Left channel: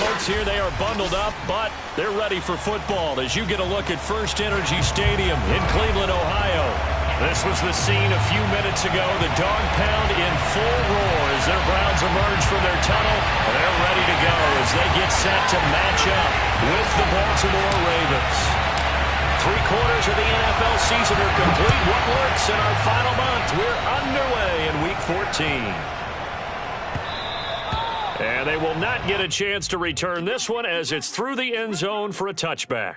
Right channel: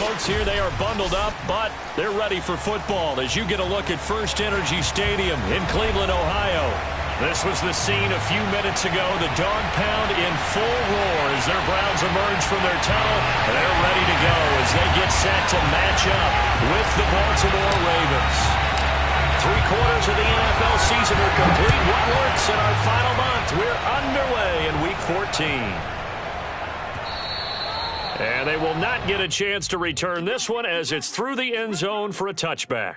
folks here, they are bundled up, but they're ready for football as you get a look at First Energy Stadium in Cleveland, Ohio. This was the scene a few minutes ago. The dog pound in full roar as their Browns emerge from their tunnel. They're ready to go as they get set to match up with the Baltimore Ravens. 3/4 of the NFL season are complete. What works in our final month? We're underway in Week 14. And they will not get a chance to return this one as it's through the end zone for a touchback.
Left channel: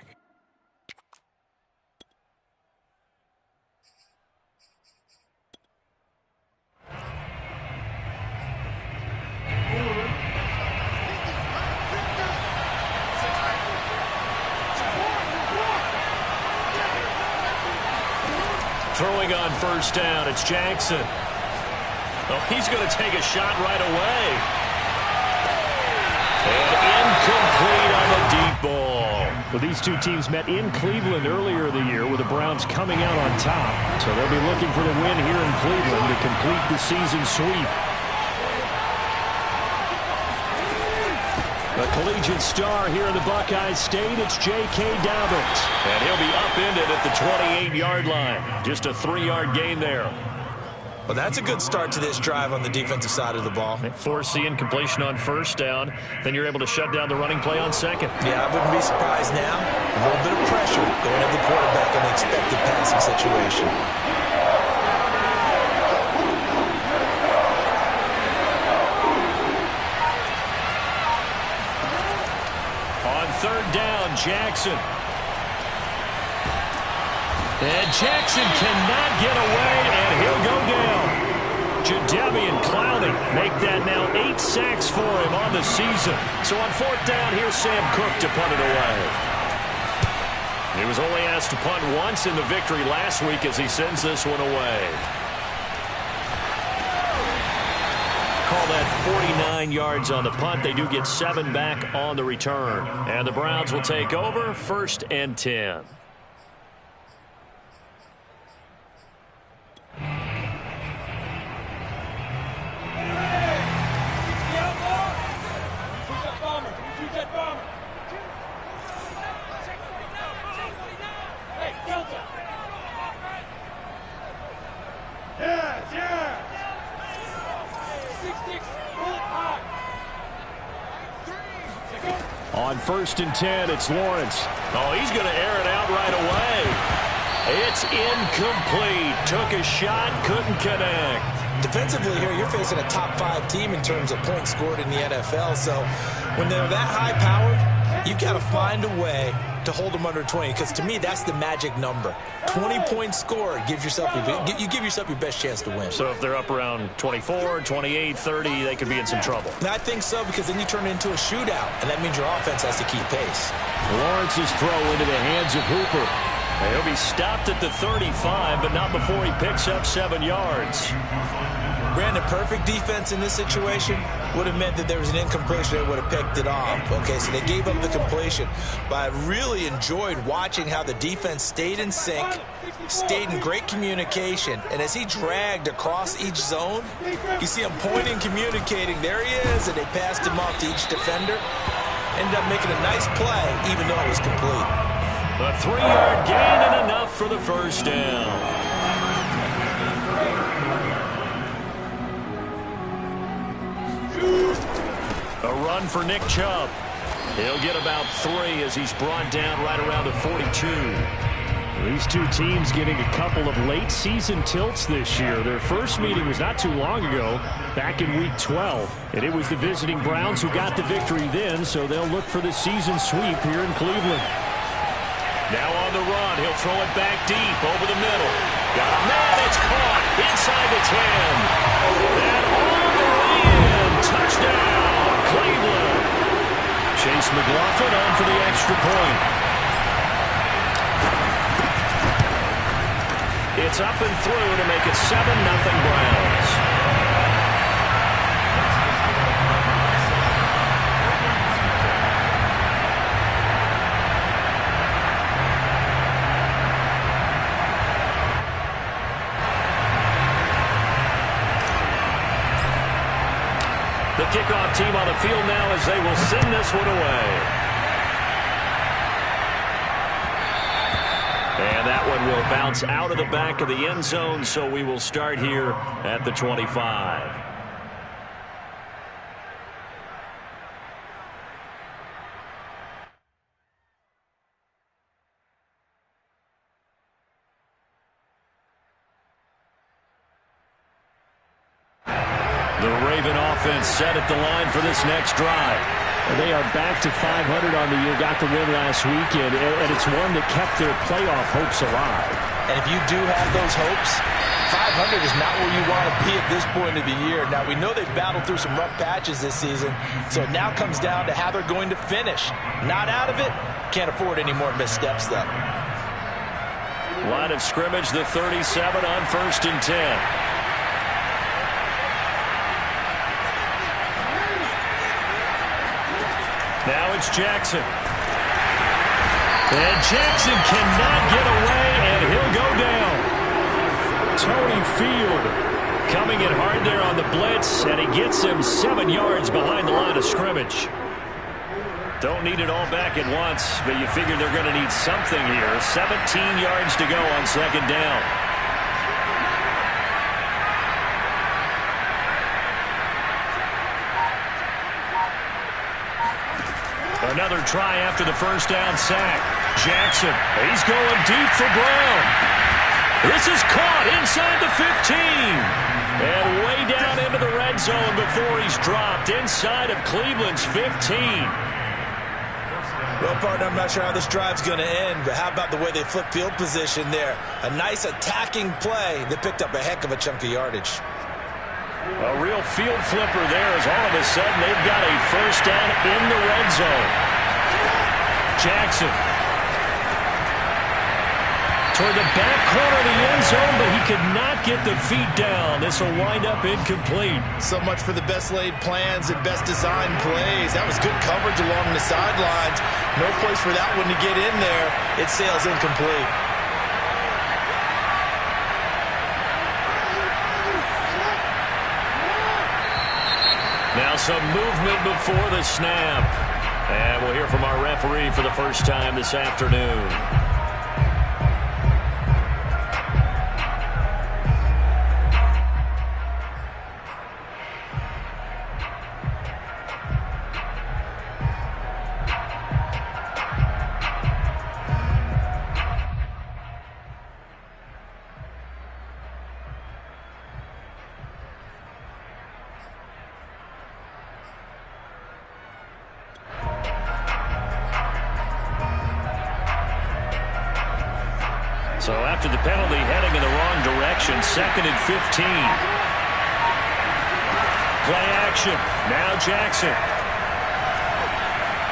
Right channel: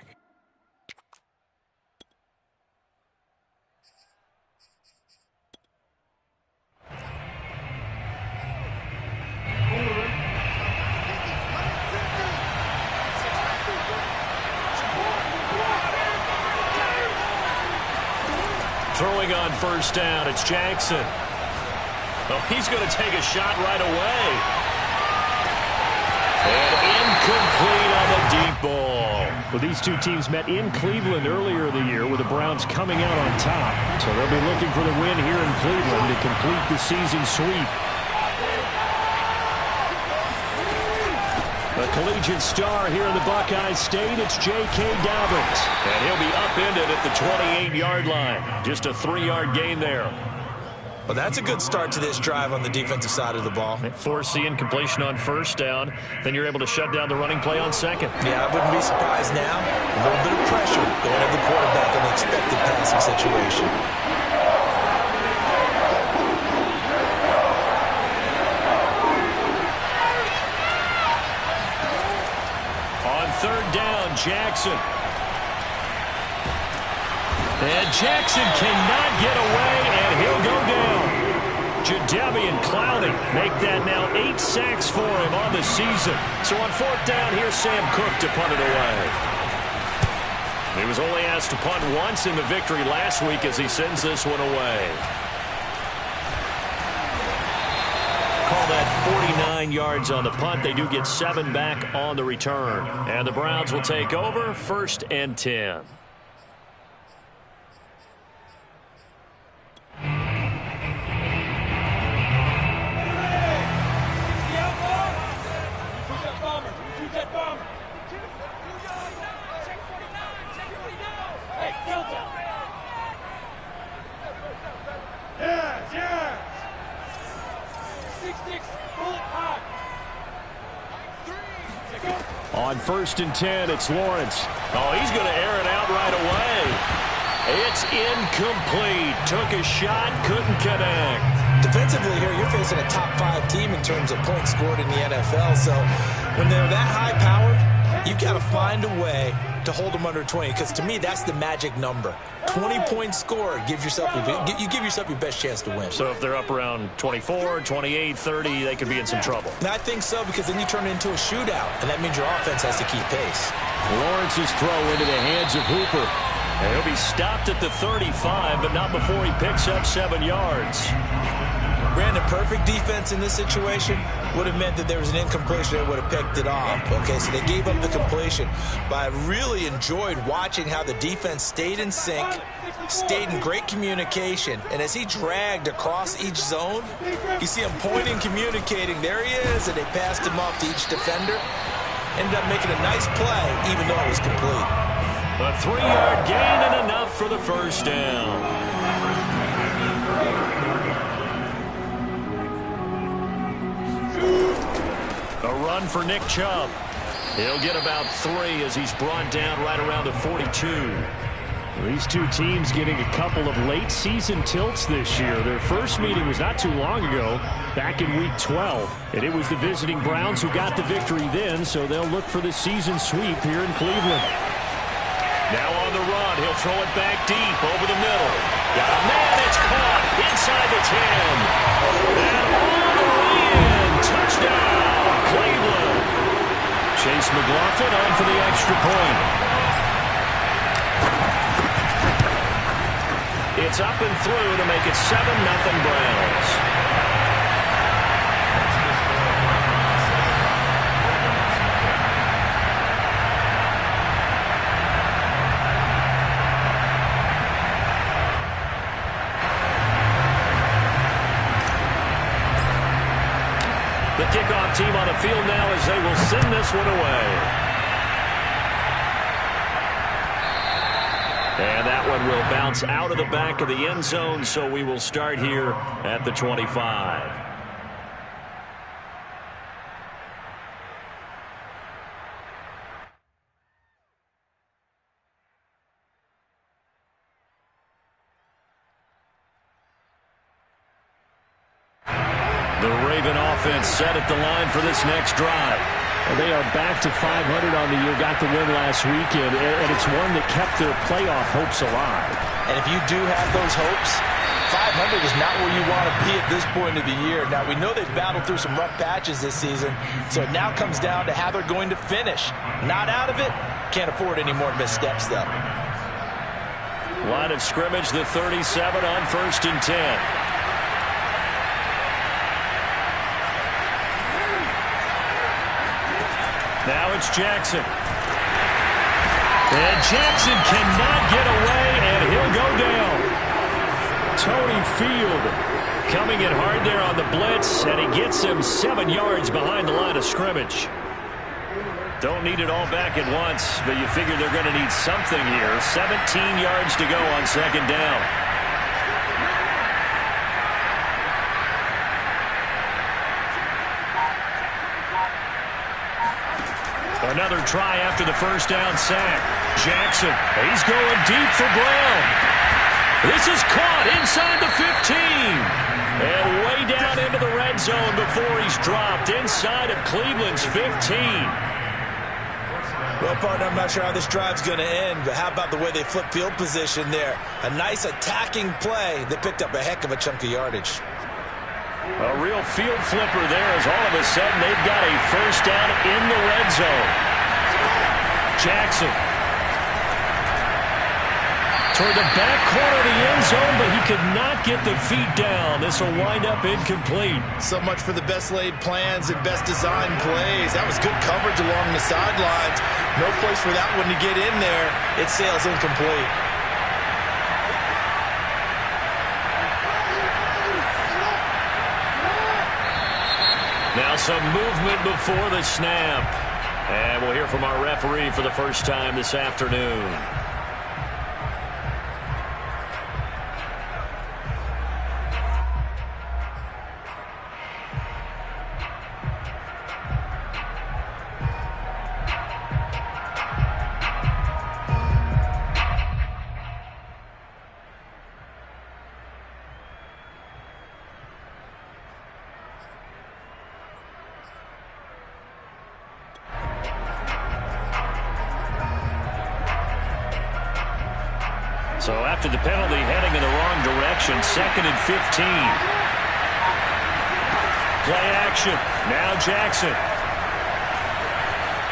Throwing on first down, it's Jackson. Oh, he's going to take a shot right away. And incomplete on the deep ball. Well, these two teams met in Cleveland earlier in the year with the Browns coming out on top. So they'll be looking for the win here in Cleveland to complete the season sweep. A collegiate star here in the Buckeye State, it's J.K. Dobbins. And he'll be upended at the 28-yard line. Just a 3-yard gain there. Well, that's a good start to this drive on the defensive side of the ball. Force the incompletion on first down. Then you're able to shut down the running play on second. Yeah, I wouldn't be surprised now. A little bit of pressure going at the quarterback in the expected passing situation. On third down, Jackson. And Jackson cannot get away, and he'll go down. Jadeveon Clowney make that now 8 sacks for him on the season. So on fourth down, here's Sam Cook to punt it away. He was only asked to punt once in the victory last week as he sends this one away. Call that 49 yards on the punt. They do get 7 back on the return. And the Browns will take over, 1st and 10. On 1st and 10, it's Lawrence. Oh, he's going to air it out right away. It's incomplete. Took a shot, couldn't connect. Defensively here, you're facing a top 5 team in terms of points scored in the NFL. So when they're that high-powered, you've got to find a way to hold them under 20, because to me, that's the magic number. 20 points scored, you give yourself your best chance to win. So if they're up around 24, 28, 30, they could be in some trouble. And I think so, because then you turn it into a shootout, and that means your offense has to keep pace. Lawrence's throw into the hands of Hooper. And he'll be stopped at the 35, but not before he picks up 7 yards. Brandon, perfect defense in this situation would have meant that there was an incompletion that would have picked it off. Okay, so they gave up the completion. But I really enjoyed watching how the defense stayed in sync, stayed in great communication, and as he dragged across each zone, you see him pointing, communicating. There he is, and they passed him off to each defender. Ended up making a nice play, even though it was complete. A 3-yard gain and enough for the first down. A run for Nick Chubb. He'll get about 3 as he's brought down right around the 42. These two teams getting a couple of late season tilts this year. Their first meeting was not too long ago, back in Week 12. And it was the visiting Browns who got the victory then, so they'll look for the season sweep here in Cleveland. Now on the run, he'll throw it back deep over the middle. Got a man, it's caught inside the 10. And all the way in, touchdown, Cleveland. Chase McLaughlin on for the extra point. It's up and through to make it 7-0 Browns. The kickoff team on the field now as they will send this one away. And that one will bounce out of the back of the end zone, so we will start here at the 25. The Raven offense set at the line for this next drive. And they are back to 500 on the year, got the win last weekend, and it's one that kept their playoff hopes alive. And if you do have those hopes, 500 is not where you want to be at this point of the year. Now, we know they've battled through some rough patches this season, so it now comes down to how they're going to finish. Not out of it, can't afford any more missteps, though. Line of scrimmage, the 37 on 1st and 10. Now it's Jackson. And Jackson cannot get away, and he'll go down. Tony Field coming in hard there on the blitz, and he gets him 7 yards behind the line of scrimmage. Don't need it all back at once, but you figure they're going to need something here. 17 yards to go on 2nd down. Another try after the 1st down sack. Jackson, he's going deep for Brown. This is caught inside the 15. And way down into the red zone before he's dropped inside of Cleveland's 15. Well, partner, I'm not sure how this drive's going to end, but how about the way they flip field position there? A nice attacking play that picked up a heck of a chunk of yardage. A real field flipper there as all of a sudden they've got a 1st down in the red zone. Jackson toward the back corner of the end zone, but he could not get the feet down. This will wind up incomplete. So much for the best laid plans and best designed plays. That was good coverage along the sidelines. No place for that one to get in there. It sails incomplete. Now some movement before the snap. And we'll hear from our referee for the first time this afternoon. So after the penalty, heading in the wrong direction, 2nd and 15. Play action. Now Jackson.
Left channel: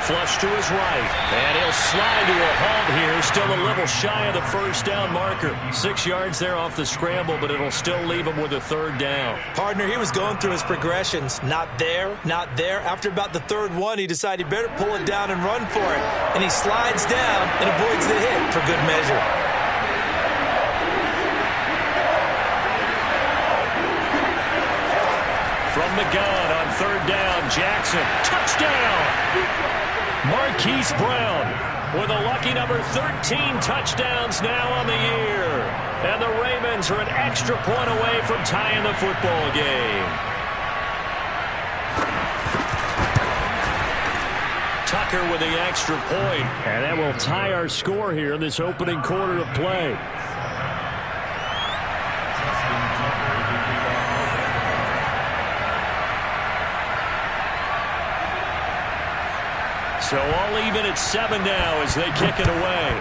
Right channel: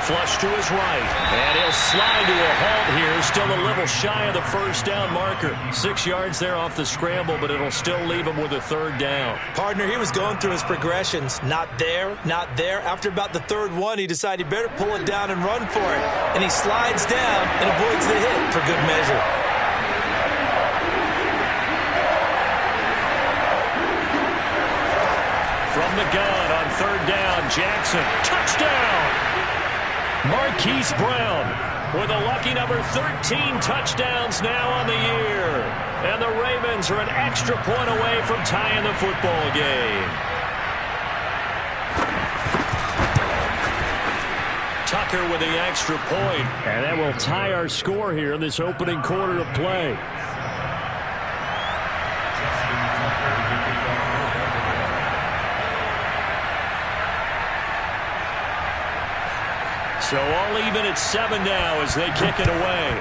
Flush to his right. And he'll slide to a halt here. Still a little shy of the 1st down marker. 6 yards there off the scramble, but it'll still leave him with a 3rd down. Partner, he was going through his progressions. Not there, not there. After about the 3rd one, he decided he better pull it down and run for it. And he slides down and avoids the hit for good measure. From the gun on 3rd down, Jackson, touchdown! Marquise Brown with a lucky number 13 touchdowns now on the year. And the Ravens are an extra point away from tying the football game. Tucker with the extra point. And that will tie our score here in this opening quarter of play. So all even at 7 now as they kick it away.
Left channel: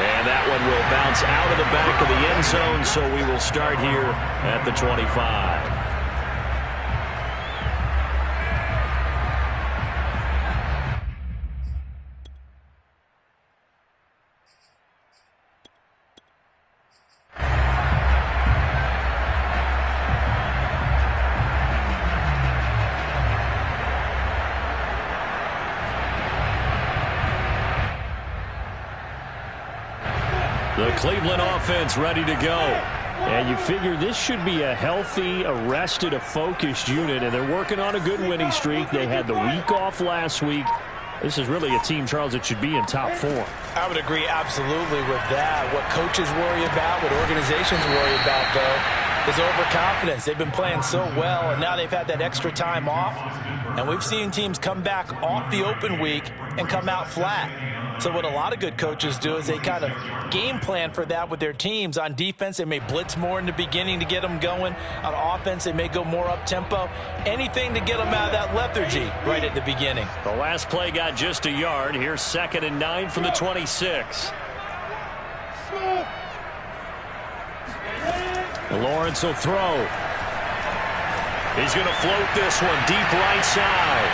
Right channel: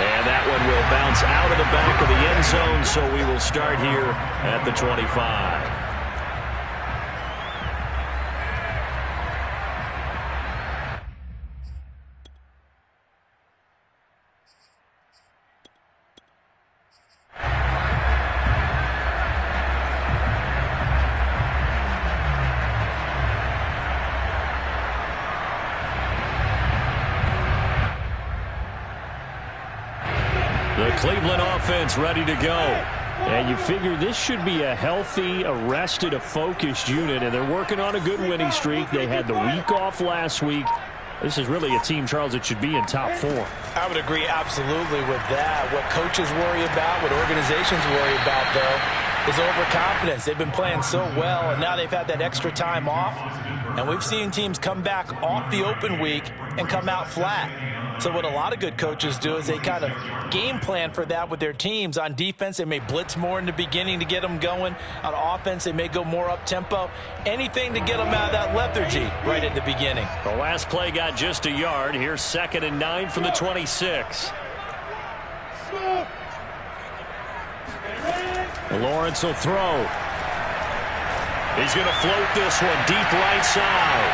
And that one will bounce out of the back of the end zone, so we will start here at the 25. The Cleveland offense ready to go. And you figure this should be a healthy, a rested, a focused unit, and they're working on a good winning streak. They had the week off last week. This is really a team, Charles, that should be in top form. I would agree absolutely with that. What coaches worry about, what organizations worry about, though, is overconfidence. They've been playing so well, and now they've had that extra time off. And we've seen teams come back off the open week and come out flat. So what a lot of good coaches do is they kind of game plan for that with their teams. On defense, they may blitz more in the beginning to get them going. On offense, they may go more up-tempo. Anything to get them out of that lethargy right at the beginning. The last play got just a yard. Here's 2nd and 9 from the 26. Lawrence will throw. He's going to float this one deep right side.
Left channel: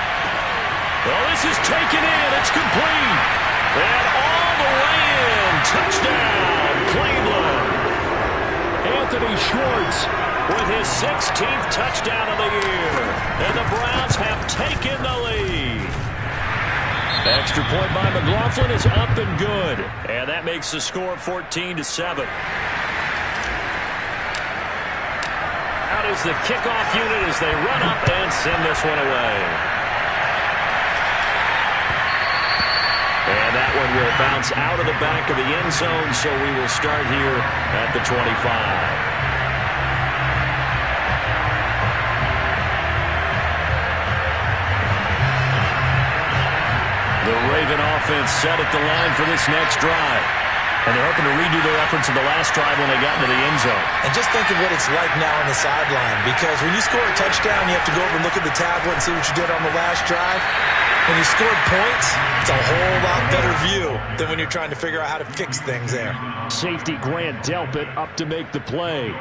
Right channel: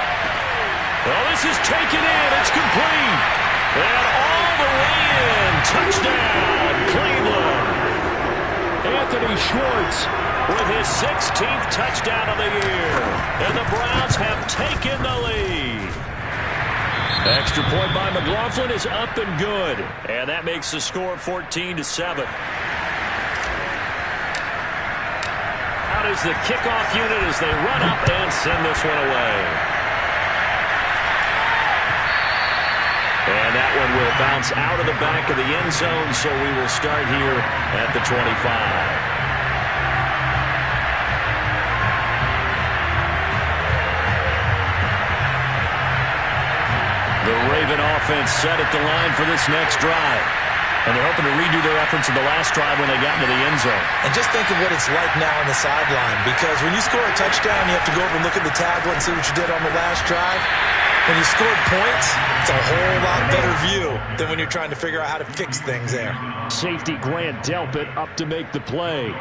Oh, this is taken in. It's complete. And all the way in. Touchdown, Cleveland. Anthony Schwartz with his 16th touchdown of the year. And the Browns have taken the lead. Extra point by McLaughlin is up and good. And that makes the score 14-7. Out is the kickoff unit as they run up and send this one away. And that one will bounce out of the back of the end zone, so we will start here at the 25. The Raven offense set at the line for this next drive. And they're hoping to redo their efforts in the last drive when they got into the end zone. And just think of what it's like now on the sideline, because when you score a touchdown, you have to go over and look at the tablet and see what you did on the last drive. When you scored points, it's a whole lot better view than when you're trying to figure out how to fix things there. Safety Grant Delpit up to make the play.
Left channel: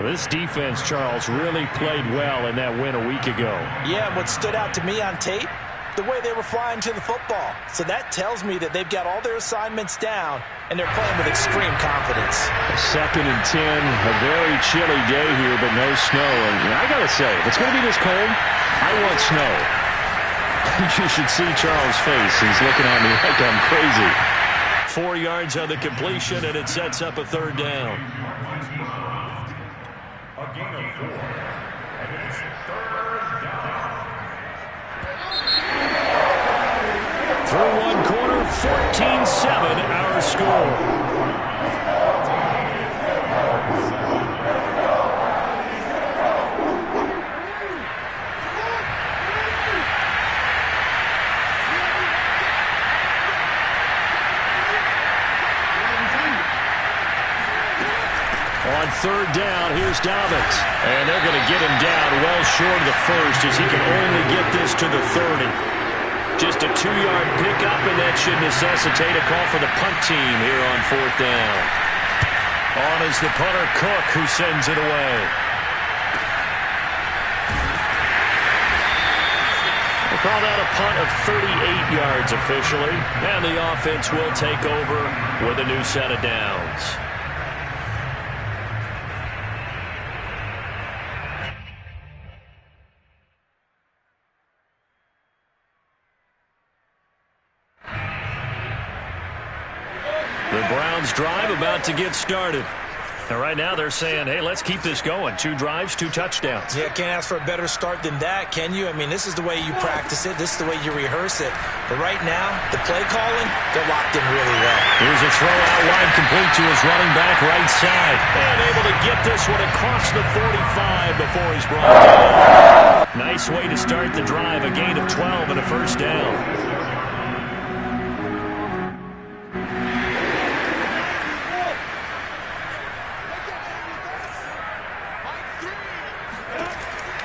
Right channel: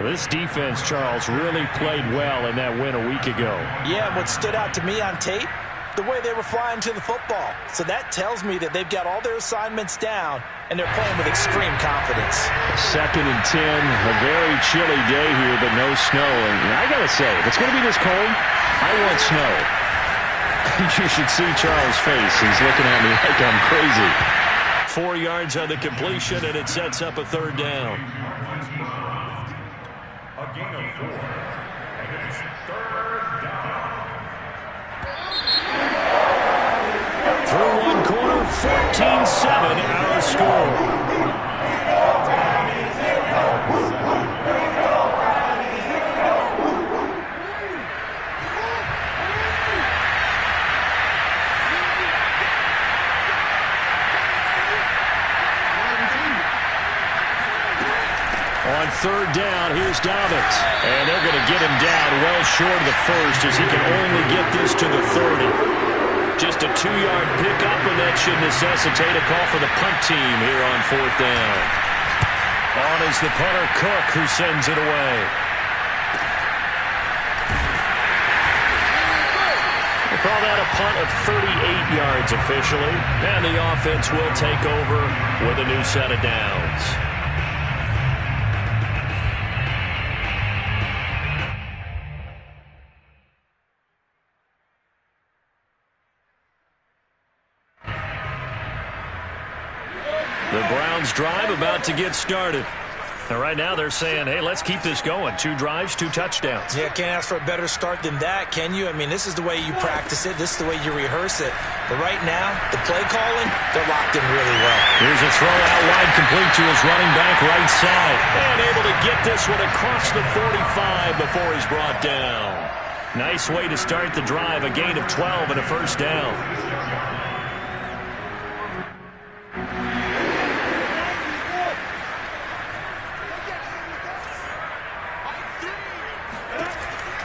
This defense, Charles, really played well in that win a week ago. Yeah, and what stood out to me on tape, the way they were flying to the football. So that tells me that they've got all their assignments down, and they're playing with extreme confidence. 2nd and 10, a very chilly day here, but no snow. And I got to say, if it's going to be this cold, I want snow. You should see Charles' face. He's looking at me like I'm crazy. 4 yards on the completion, and it sets up a 3rd down. A gain of 4, and it's 3rd down. Through one quarter, 14-7, our score. On 3rd down, here's Dobbins. And they're going to get him down well short of the first as he can only get this to the 30. Just a 2-yard pickup, and that should necessitate a call for the punt team here on 4th down. On is the punter, Cook, who sends it away. We'll call that a punt of 38 yards officially. And the offense will take over with a new set of downs. The Browns drive about to get started. And right now they're saying, hey, let's keep this going. 2 drives, 2 touchdowns. Yeah, can't ask for a better start than that, can you? I mean, this is the way you practice it. This is the way you rehearse it. But right now, the play calling, they're locked in really well. Here's a throw out wide, complete to his running back right side. And able to get this one across the 45 before he's brought down. Nice way to start the drive. A gain of 12 and a 1st down.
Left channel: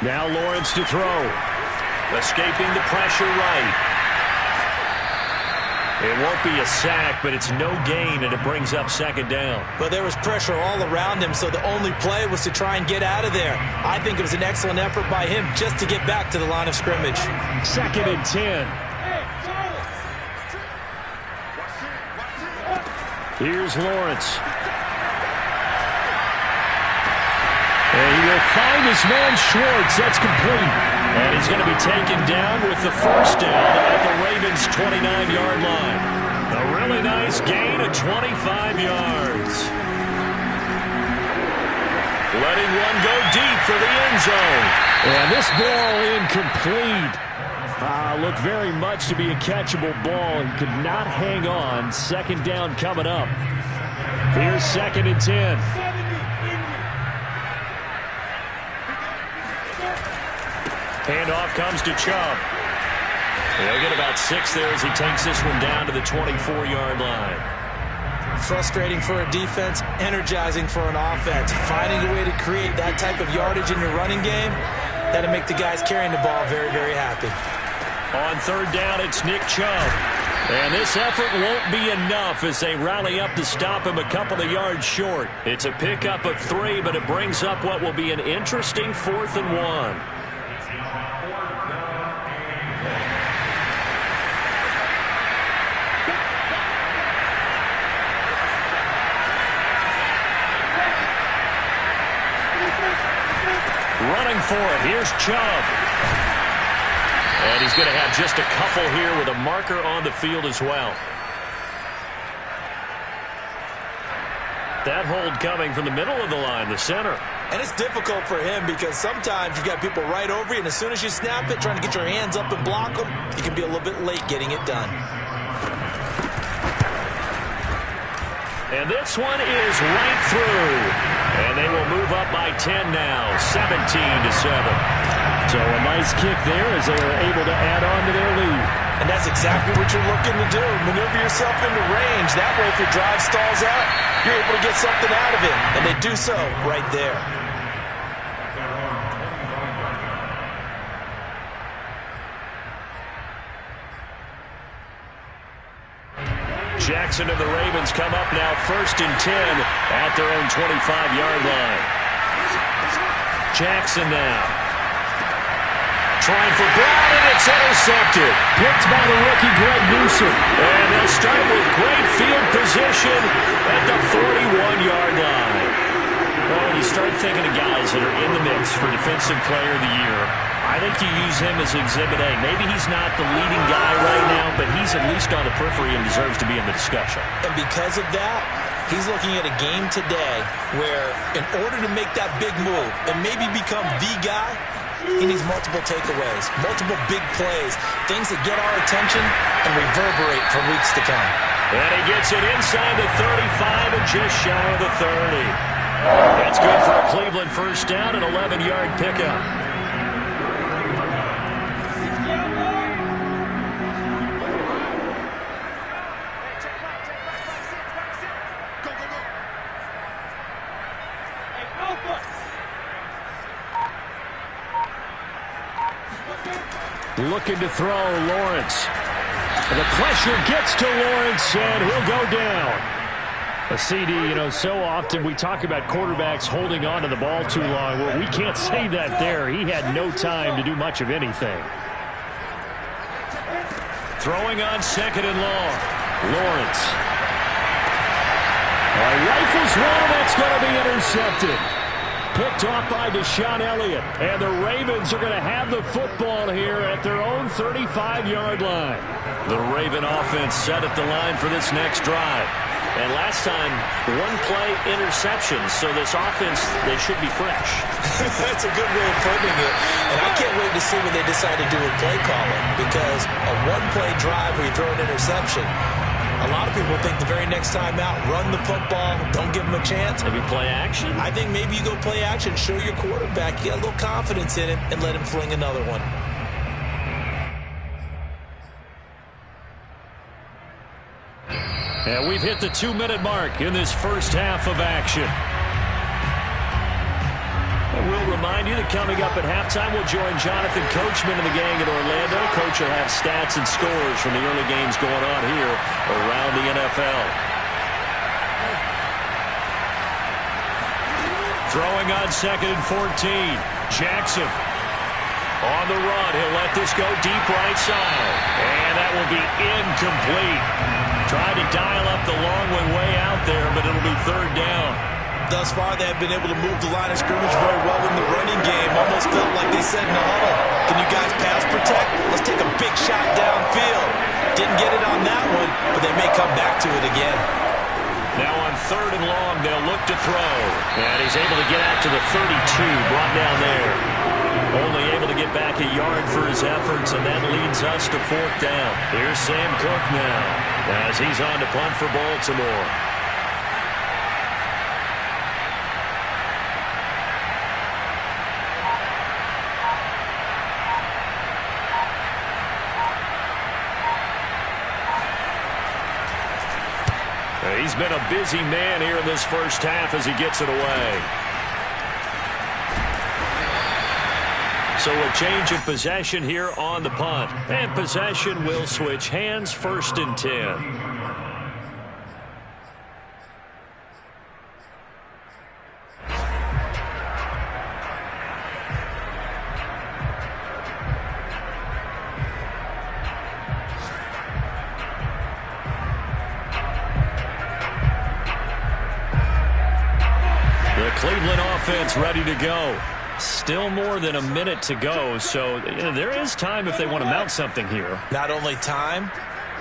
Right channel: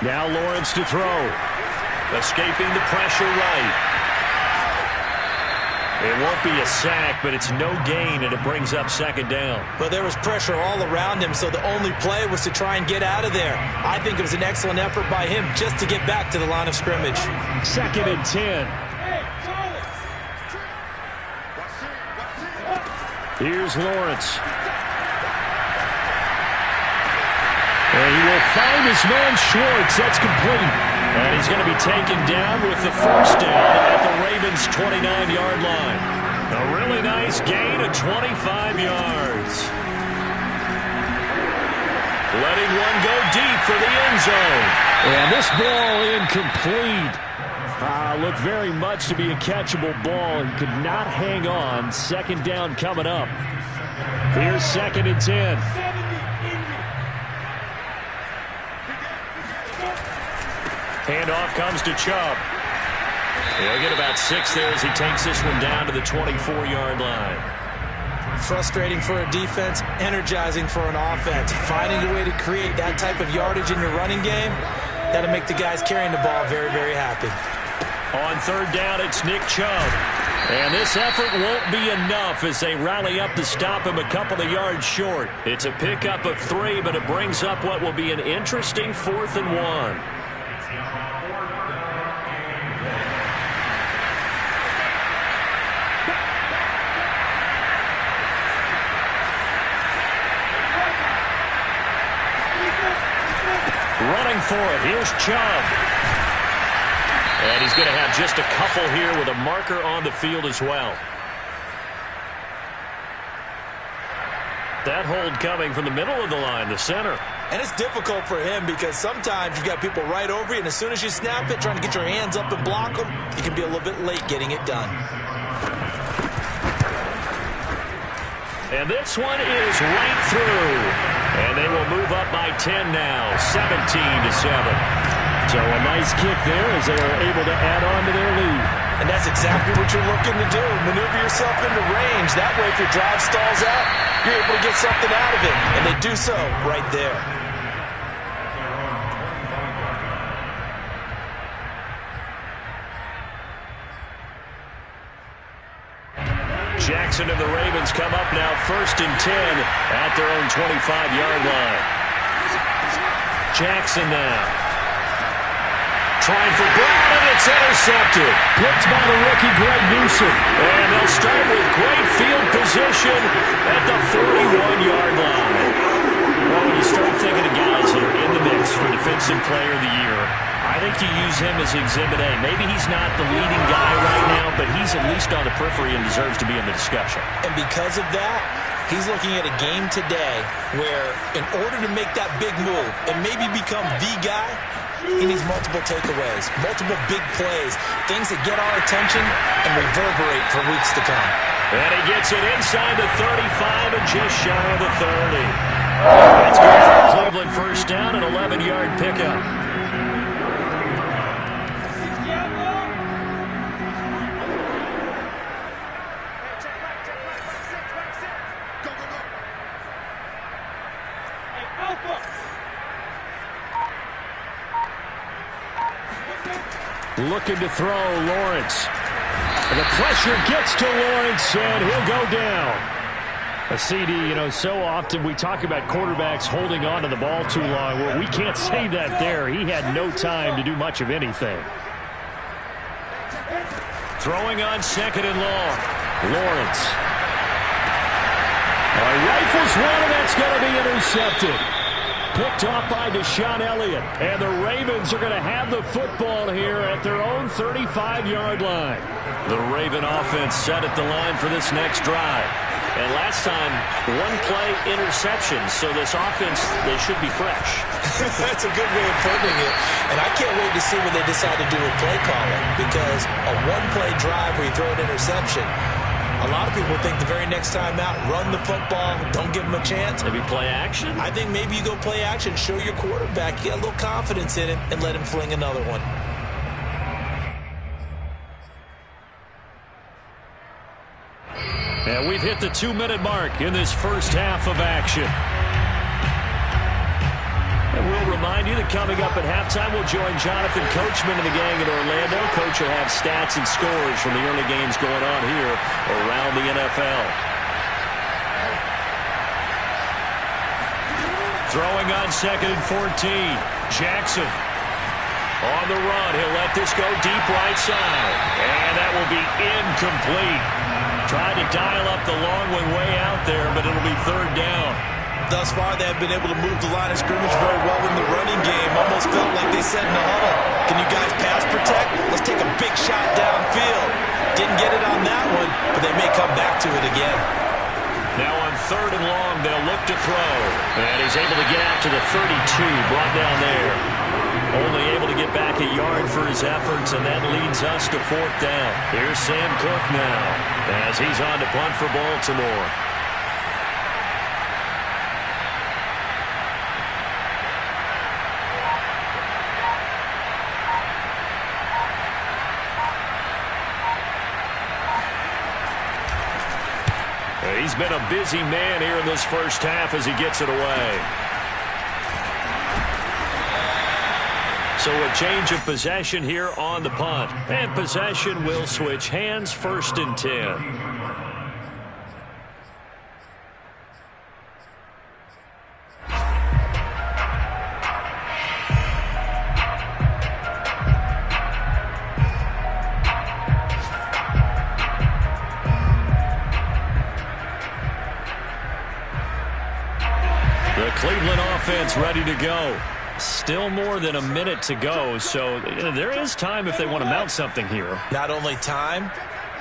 Now Lawrence to throw. Escaping the pressure right. It won't be a sack, but it's no gain, and it brings up 2nd down. But there was pressure all around him, so the only play was to try and get out of there. I think it was an excellent effort by him just to get back to the line of scrimmage. 2nd and 10. Here's Lawrence. And he will find his man Schwartz. That's complete. And he's going to be taken down with the 1st down at the Ravens' 29-yard line. A really nice gain of 25 yards. letting one go deep for the end zone. And this ball incomplete. Looked very much to be a catchable ball. He could not hang on. Second down coming up. Here's 2nd and 10. Handoff comes to Chubb. He'll get about 6 there as he takes this one down to the 24-yard line. Frustrating for a defense, energizing for an offense. Finding a way to create that type of yardage in your running game, that'll make the guys carrying the ball very, very happy. On 3rd down, it's Nick Chubb. And this effort won't be enough as they rally up to stop him a couple of yards short. It's a pickup of 3, but it brings up what will be an interesting 4th and 1. Running for it, here's Chubb. And he's going to have just a couple here with a marker on the field as well. That hold coming from the middle of the line, the center. And it's difficult for him because sometimes you've got people right over you, and as soon as you snap it, trying to get your hands up and block them, you can be a little bit late getting it done. And this one is right through. And they will move up by 10 now, 17-7. So a nice kick there as they are able to add on to their lead. And that's exactly what you're looking to do. Maneuver yourself into range. That way, if your drive stalls out, you're able to get something out of it. And they do so right there. Jackson and the Ravens come up now 1st and 10 at their own 25-yard line. Jackson now. Trying for Brown, and it's intercepted. Picked by the rookie Greg Newsom. And they'll start with great field position at the 41-yard line. Well, when you start thinking of guys that are in the mix for Defensive Player of the Year, I think you use him as Exhibit A. Maybe he's not the leading guy right now, but he's at least on the periphery and deserves to be in the discussion. And because of that, he's looking at a game today where in order to make that big move and maybe become the guy, he needs multiple takeaways, multiple big plays, things that get our attention and reverberate for weeks to come. And he gets it inside the 35 and just shy of the 30. That's good for a Cleveland first down, an 11-yard pickup. Looking to throw, Lawrence. And the pressure gets to Lawrence, and he'll go down. A CD, so often we talk about quarterbacks holding on to the ball too long. Well, we can't say that there. He had no time to do much of anything. Throwing on 2nd and long. Lawrence. All right, rifles one, and that's going to be intercepted. Picked off by Deshaun Elliott. And the Ravens are going to have the football here at their own 35-yard line. The Raven offense set at the line for this next drive. And last time, 1-play interception. So this offense, they should be fresh. That's a good way of putting it. And I can't wait to see what they decide to do with play calling. Because a 1-play drive where you throw an interception, a lot of people think the very next time out, run the football, don't give them a chance. Maybe play action? I think maybe you go play action, show your quarterback, get a little confidence in him, and let him fling another one. And we've hit the 2-minute mark in this first half of action. And we'll remind you that coming up at halftime, we'll join Jonathan Coachman and the gang in Orlando. Coach will have stats and scores from the early games going on here around the NFL. Throwing on 2nd and 14. Jackson on the run. He'll let this go deep right side. And that will be incomplete. Tried to dial up the long one way out there, but it'll be 3rd down. Thus far, they have been able to move the line of scrimmage very well in the running game. Almost felt like they said in the huddle, can you guys pass protect? Let's take a big shot downfield. Didn't get it on that one, but they may come back to it again. Now on 3rd and long, they'll look to throw. And he's able to get out to the 32, brought down there. Only able to get back a yard for his efforts, and that leads us to 4th down. Here's Sam Cook now as he's on to punt for Baltimore. He's been a busy man here in this first half as he gets it away. So a change of possession here on the punt. And possession will switch hands, 1st and 10. The Cleveland offense ready to go. Still more than a minute to go, so there is time if they want to mount something here. Not only time,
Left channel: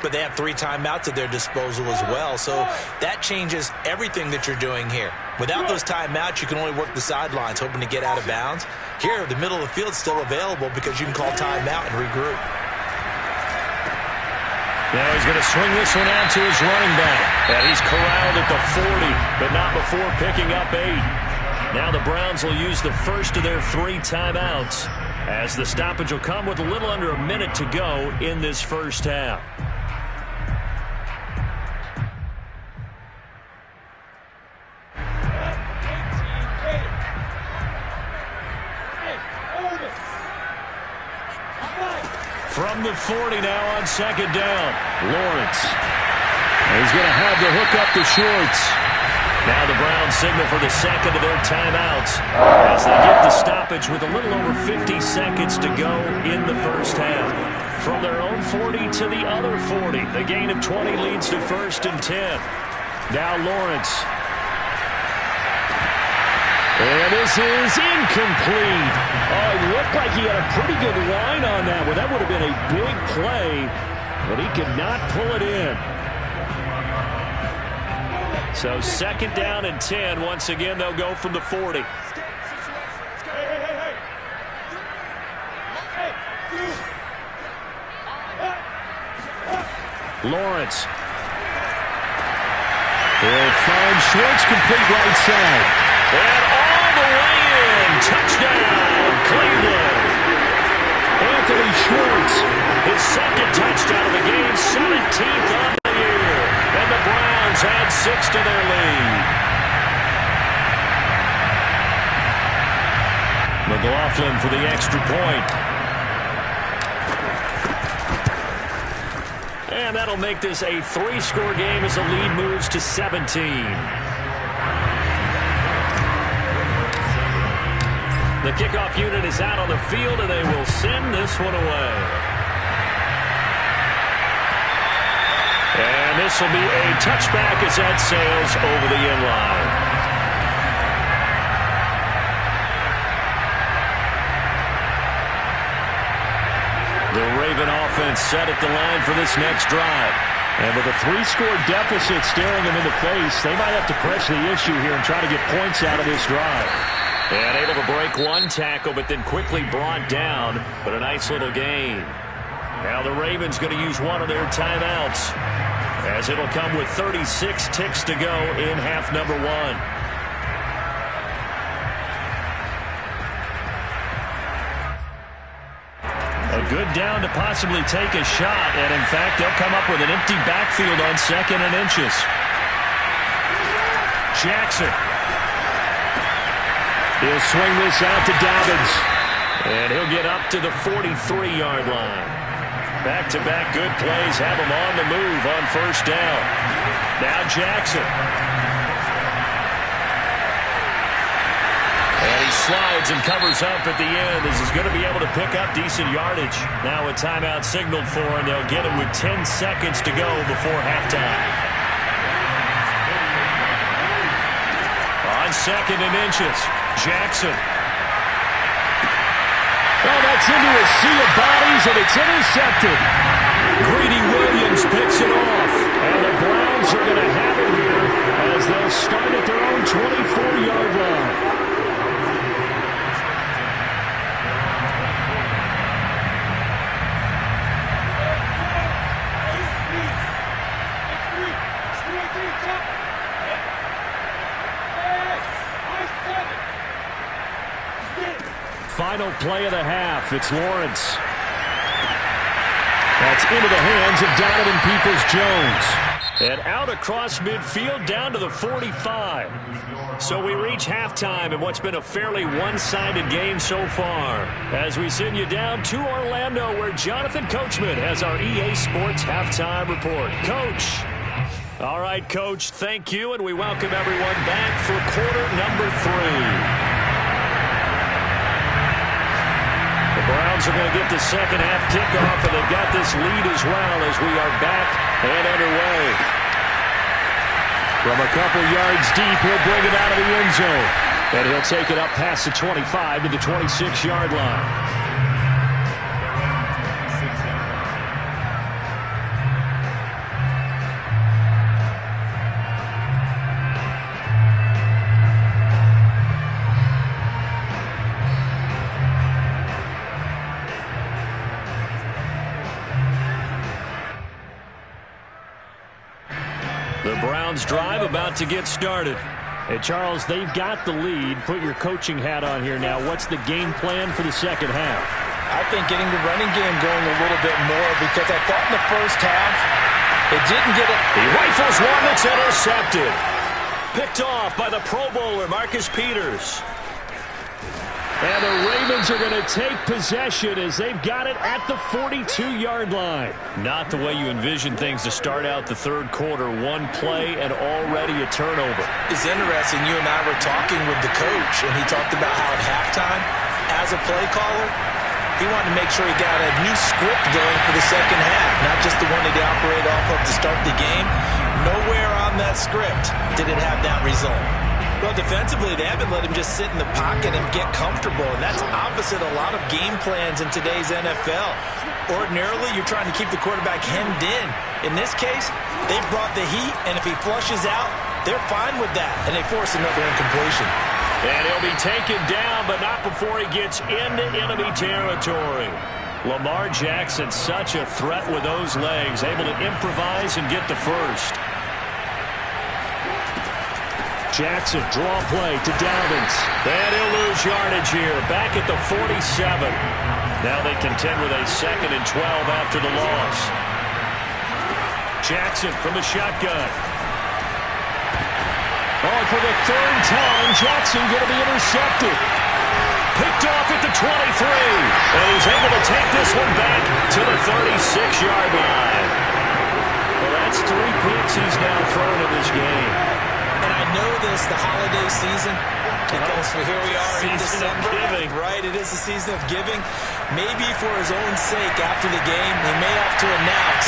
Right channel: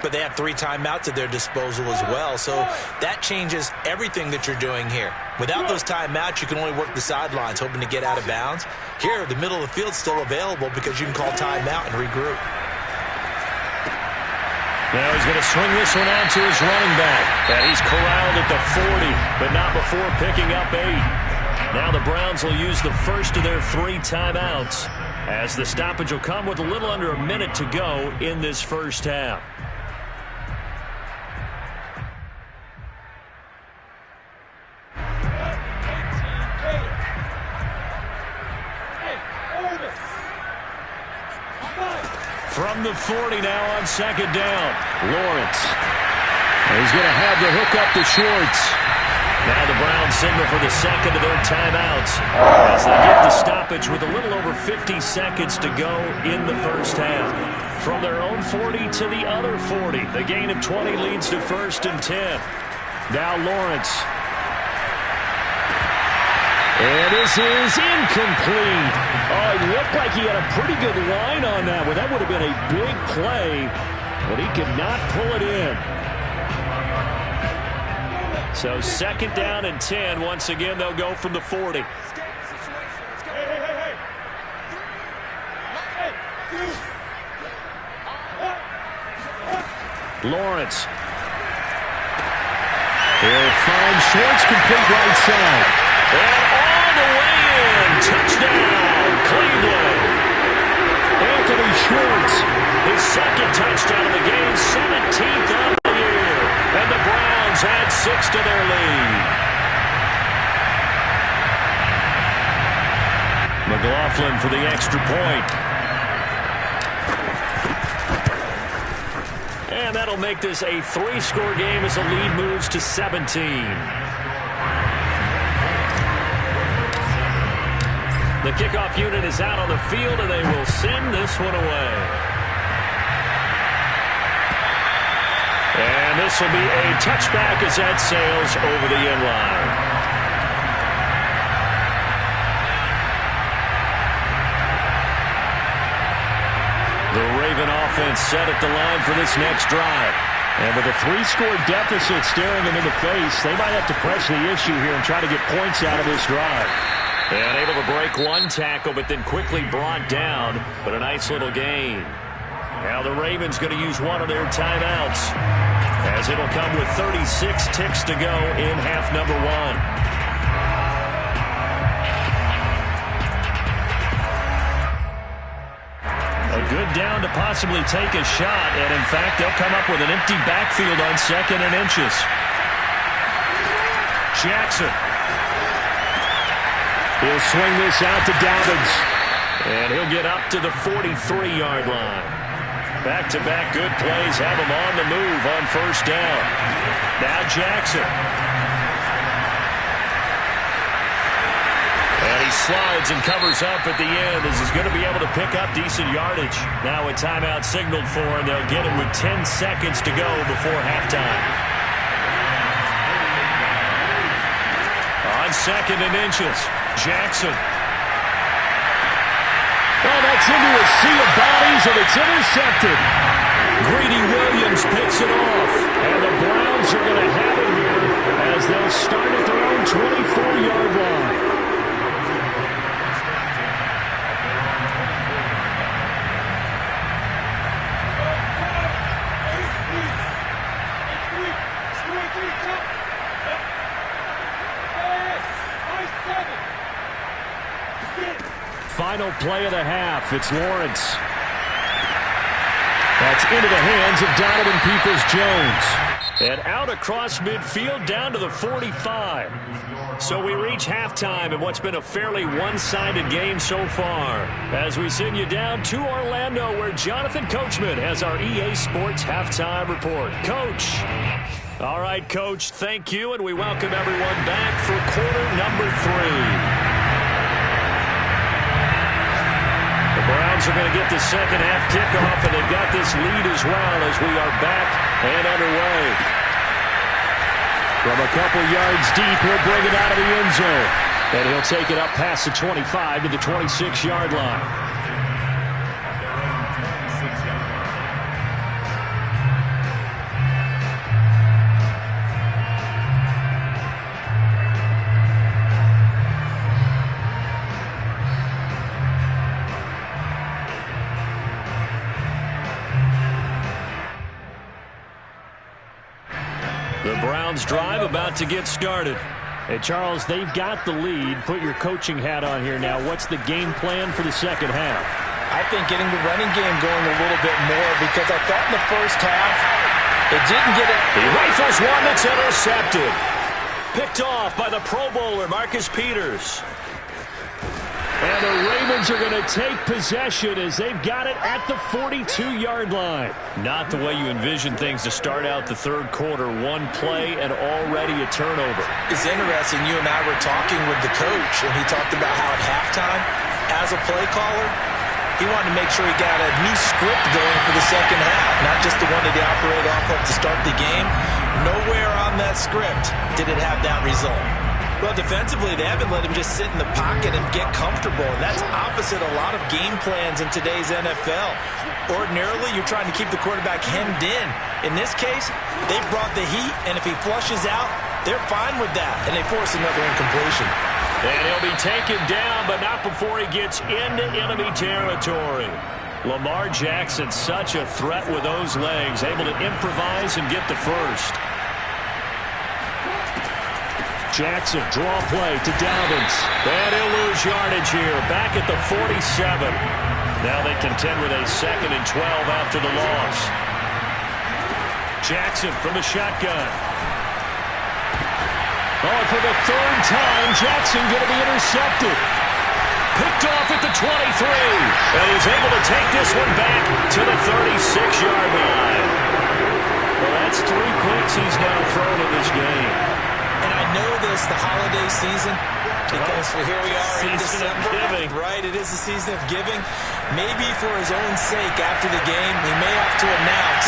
but they have 3 timeouts at their disposal as well, so that changes everything that you're doing here. Without those timeouts, you can only work the sidelines, hoping to get out of bounds. Here, the middle of the field's still available because you can call timeout and regroup. Now he's going to swing this one out to his running back. And he's corralled at the 40, but not before picking up 8. Now the Browns will use the first of their 3 timeouts as the stoppage will come with a little under a minute to go in this first half. From the 40 now on 2nd down, Lawrence. He's going to have the hook up to Schwartz. Now the Browns signal for the second of their timeouts as they get the stoppage with a little over 50 seconds to go in the first half. From their own 40 to the other 40, the gain of 20 leads to 1st and 10. Now Lawrence. And this is incomplete. Oh, it looked like he had a pretty good line on that one. That would have been a big play, but he could not pull it in. So 2nd down and 10. Once again, they'll go from the 40. Lawrence. He'll find Schwartz, complete right side. And all the way in. Touchdown, Cleveland. Anthony Schwartz, his 2nd touchdown of the game, 17th of the year. And the Browns add 6 to their lead. McLaughlin for the extra point. And that'll make this a 3-score game as the lead moves to 17. The kickoff unit is out on the field, and they will send this one away. And this will be a touchback as that sails over the end line. The Raven offense set at the line for this next drive. And with a 3-score deficit staring them in the face, they might have to press the issue here and try to get points out of this drive. And able to break one tackle, but then quickly brought down. But a nice little gain. Now the Ravens going to use one of their timeouts, as it'll come with 36 ticks to go in half number 1. A good down to possibly take a shot, and in fact, they'll come up with an empty backfield on 2nd and inches. Jackson. He'll swing this out to Dobbins, and he'll get up to the 43-yard line. Back-to-back good plays have him on the move on 1st down. Now Jackson. And he slides and covers up at the end as he's going to be able to pick up decent yardage. Now a timeout signaled for, and they'll get him with 10 seconds to go before halftime. On 2nd and inches, Jackson. Oh, that's into a sea of bodies, and it's intercepted. Greedy Williams picks it off, and the Browns are going to have it here as they'll start at their own 24-yard line. Final play of the half. It's Lawrence. That's into the hands of Donovan Peoples-Jones. And out across midfield down to the 45. So we reach halftime in what's been a fairly one-sided game so far. As we send you down to Orlando, where Jonathan Coachman has our EA Sports halftime report. Coach. All right, Coach, thank you, and we welcome everyone back for quarter number 3. The Browns are going to get the second half kickoff, and they've got this lead as well as we are back and underway. From a couple yards deep, he'll bring it out of the end zone. And he'll take it up past the 25 to the 26-yard line. The Browns drive about to get started. Hey, Charles, they've got the lead. Put your coaching hat on here now. What's the game plan for the second half? I think getting the running game going a little bit more, because I thought in the first half it didn't get it. He rifles one that's intercepted. Picked off by the Pro Bowler, Marcus Peters. And the Ravens are going to take possession as they've got it at the 42-yard line. Not the way you envision things to start out the third quarter. One play and already a turnover. It's interesting. You and I were talking with the coach, and he talked about how at halftime, as a play caller, he wanted to make sure he got a new script going for the second half, not just the one that he operated off of to start the game. Nowhere on that script did it have that result. Well, defensively, they haven't let him just sit in the pocket and get comfortable, and that's opposite a lot of game plans in today's NFL. Ordinarily, you're trying to keep the quarterback hemmed in. In this case, they brought the heat, and if he flushes out, they're fine with that, and they force another incompletion. And he'll be taken down, but not before he gets into enemy territory. Lamar Jackson, such a threat with those legs, able to improvise and get the first. Jackson, draw play to Dobbins. And he'll lose yardage here, back at the 47. Now they contend with a 2nd and 12 after the loss. Jackson from the shotgun. Oh, and for the third time, Jackson going to be intercepted. Picked off at the 23. And he's able to take this one back to the 36-yard line. Well, that's 3 picks he's now thrown in this game. And I know this, the holiday season, because here we are in December. Right, it is the season of giving. Maybe for his own sake, after the game, he may have to announce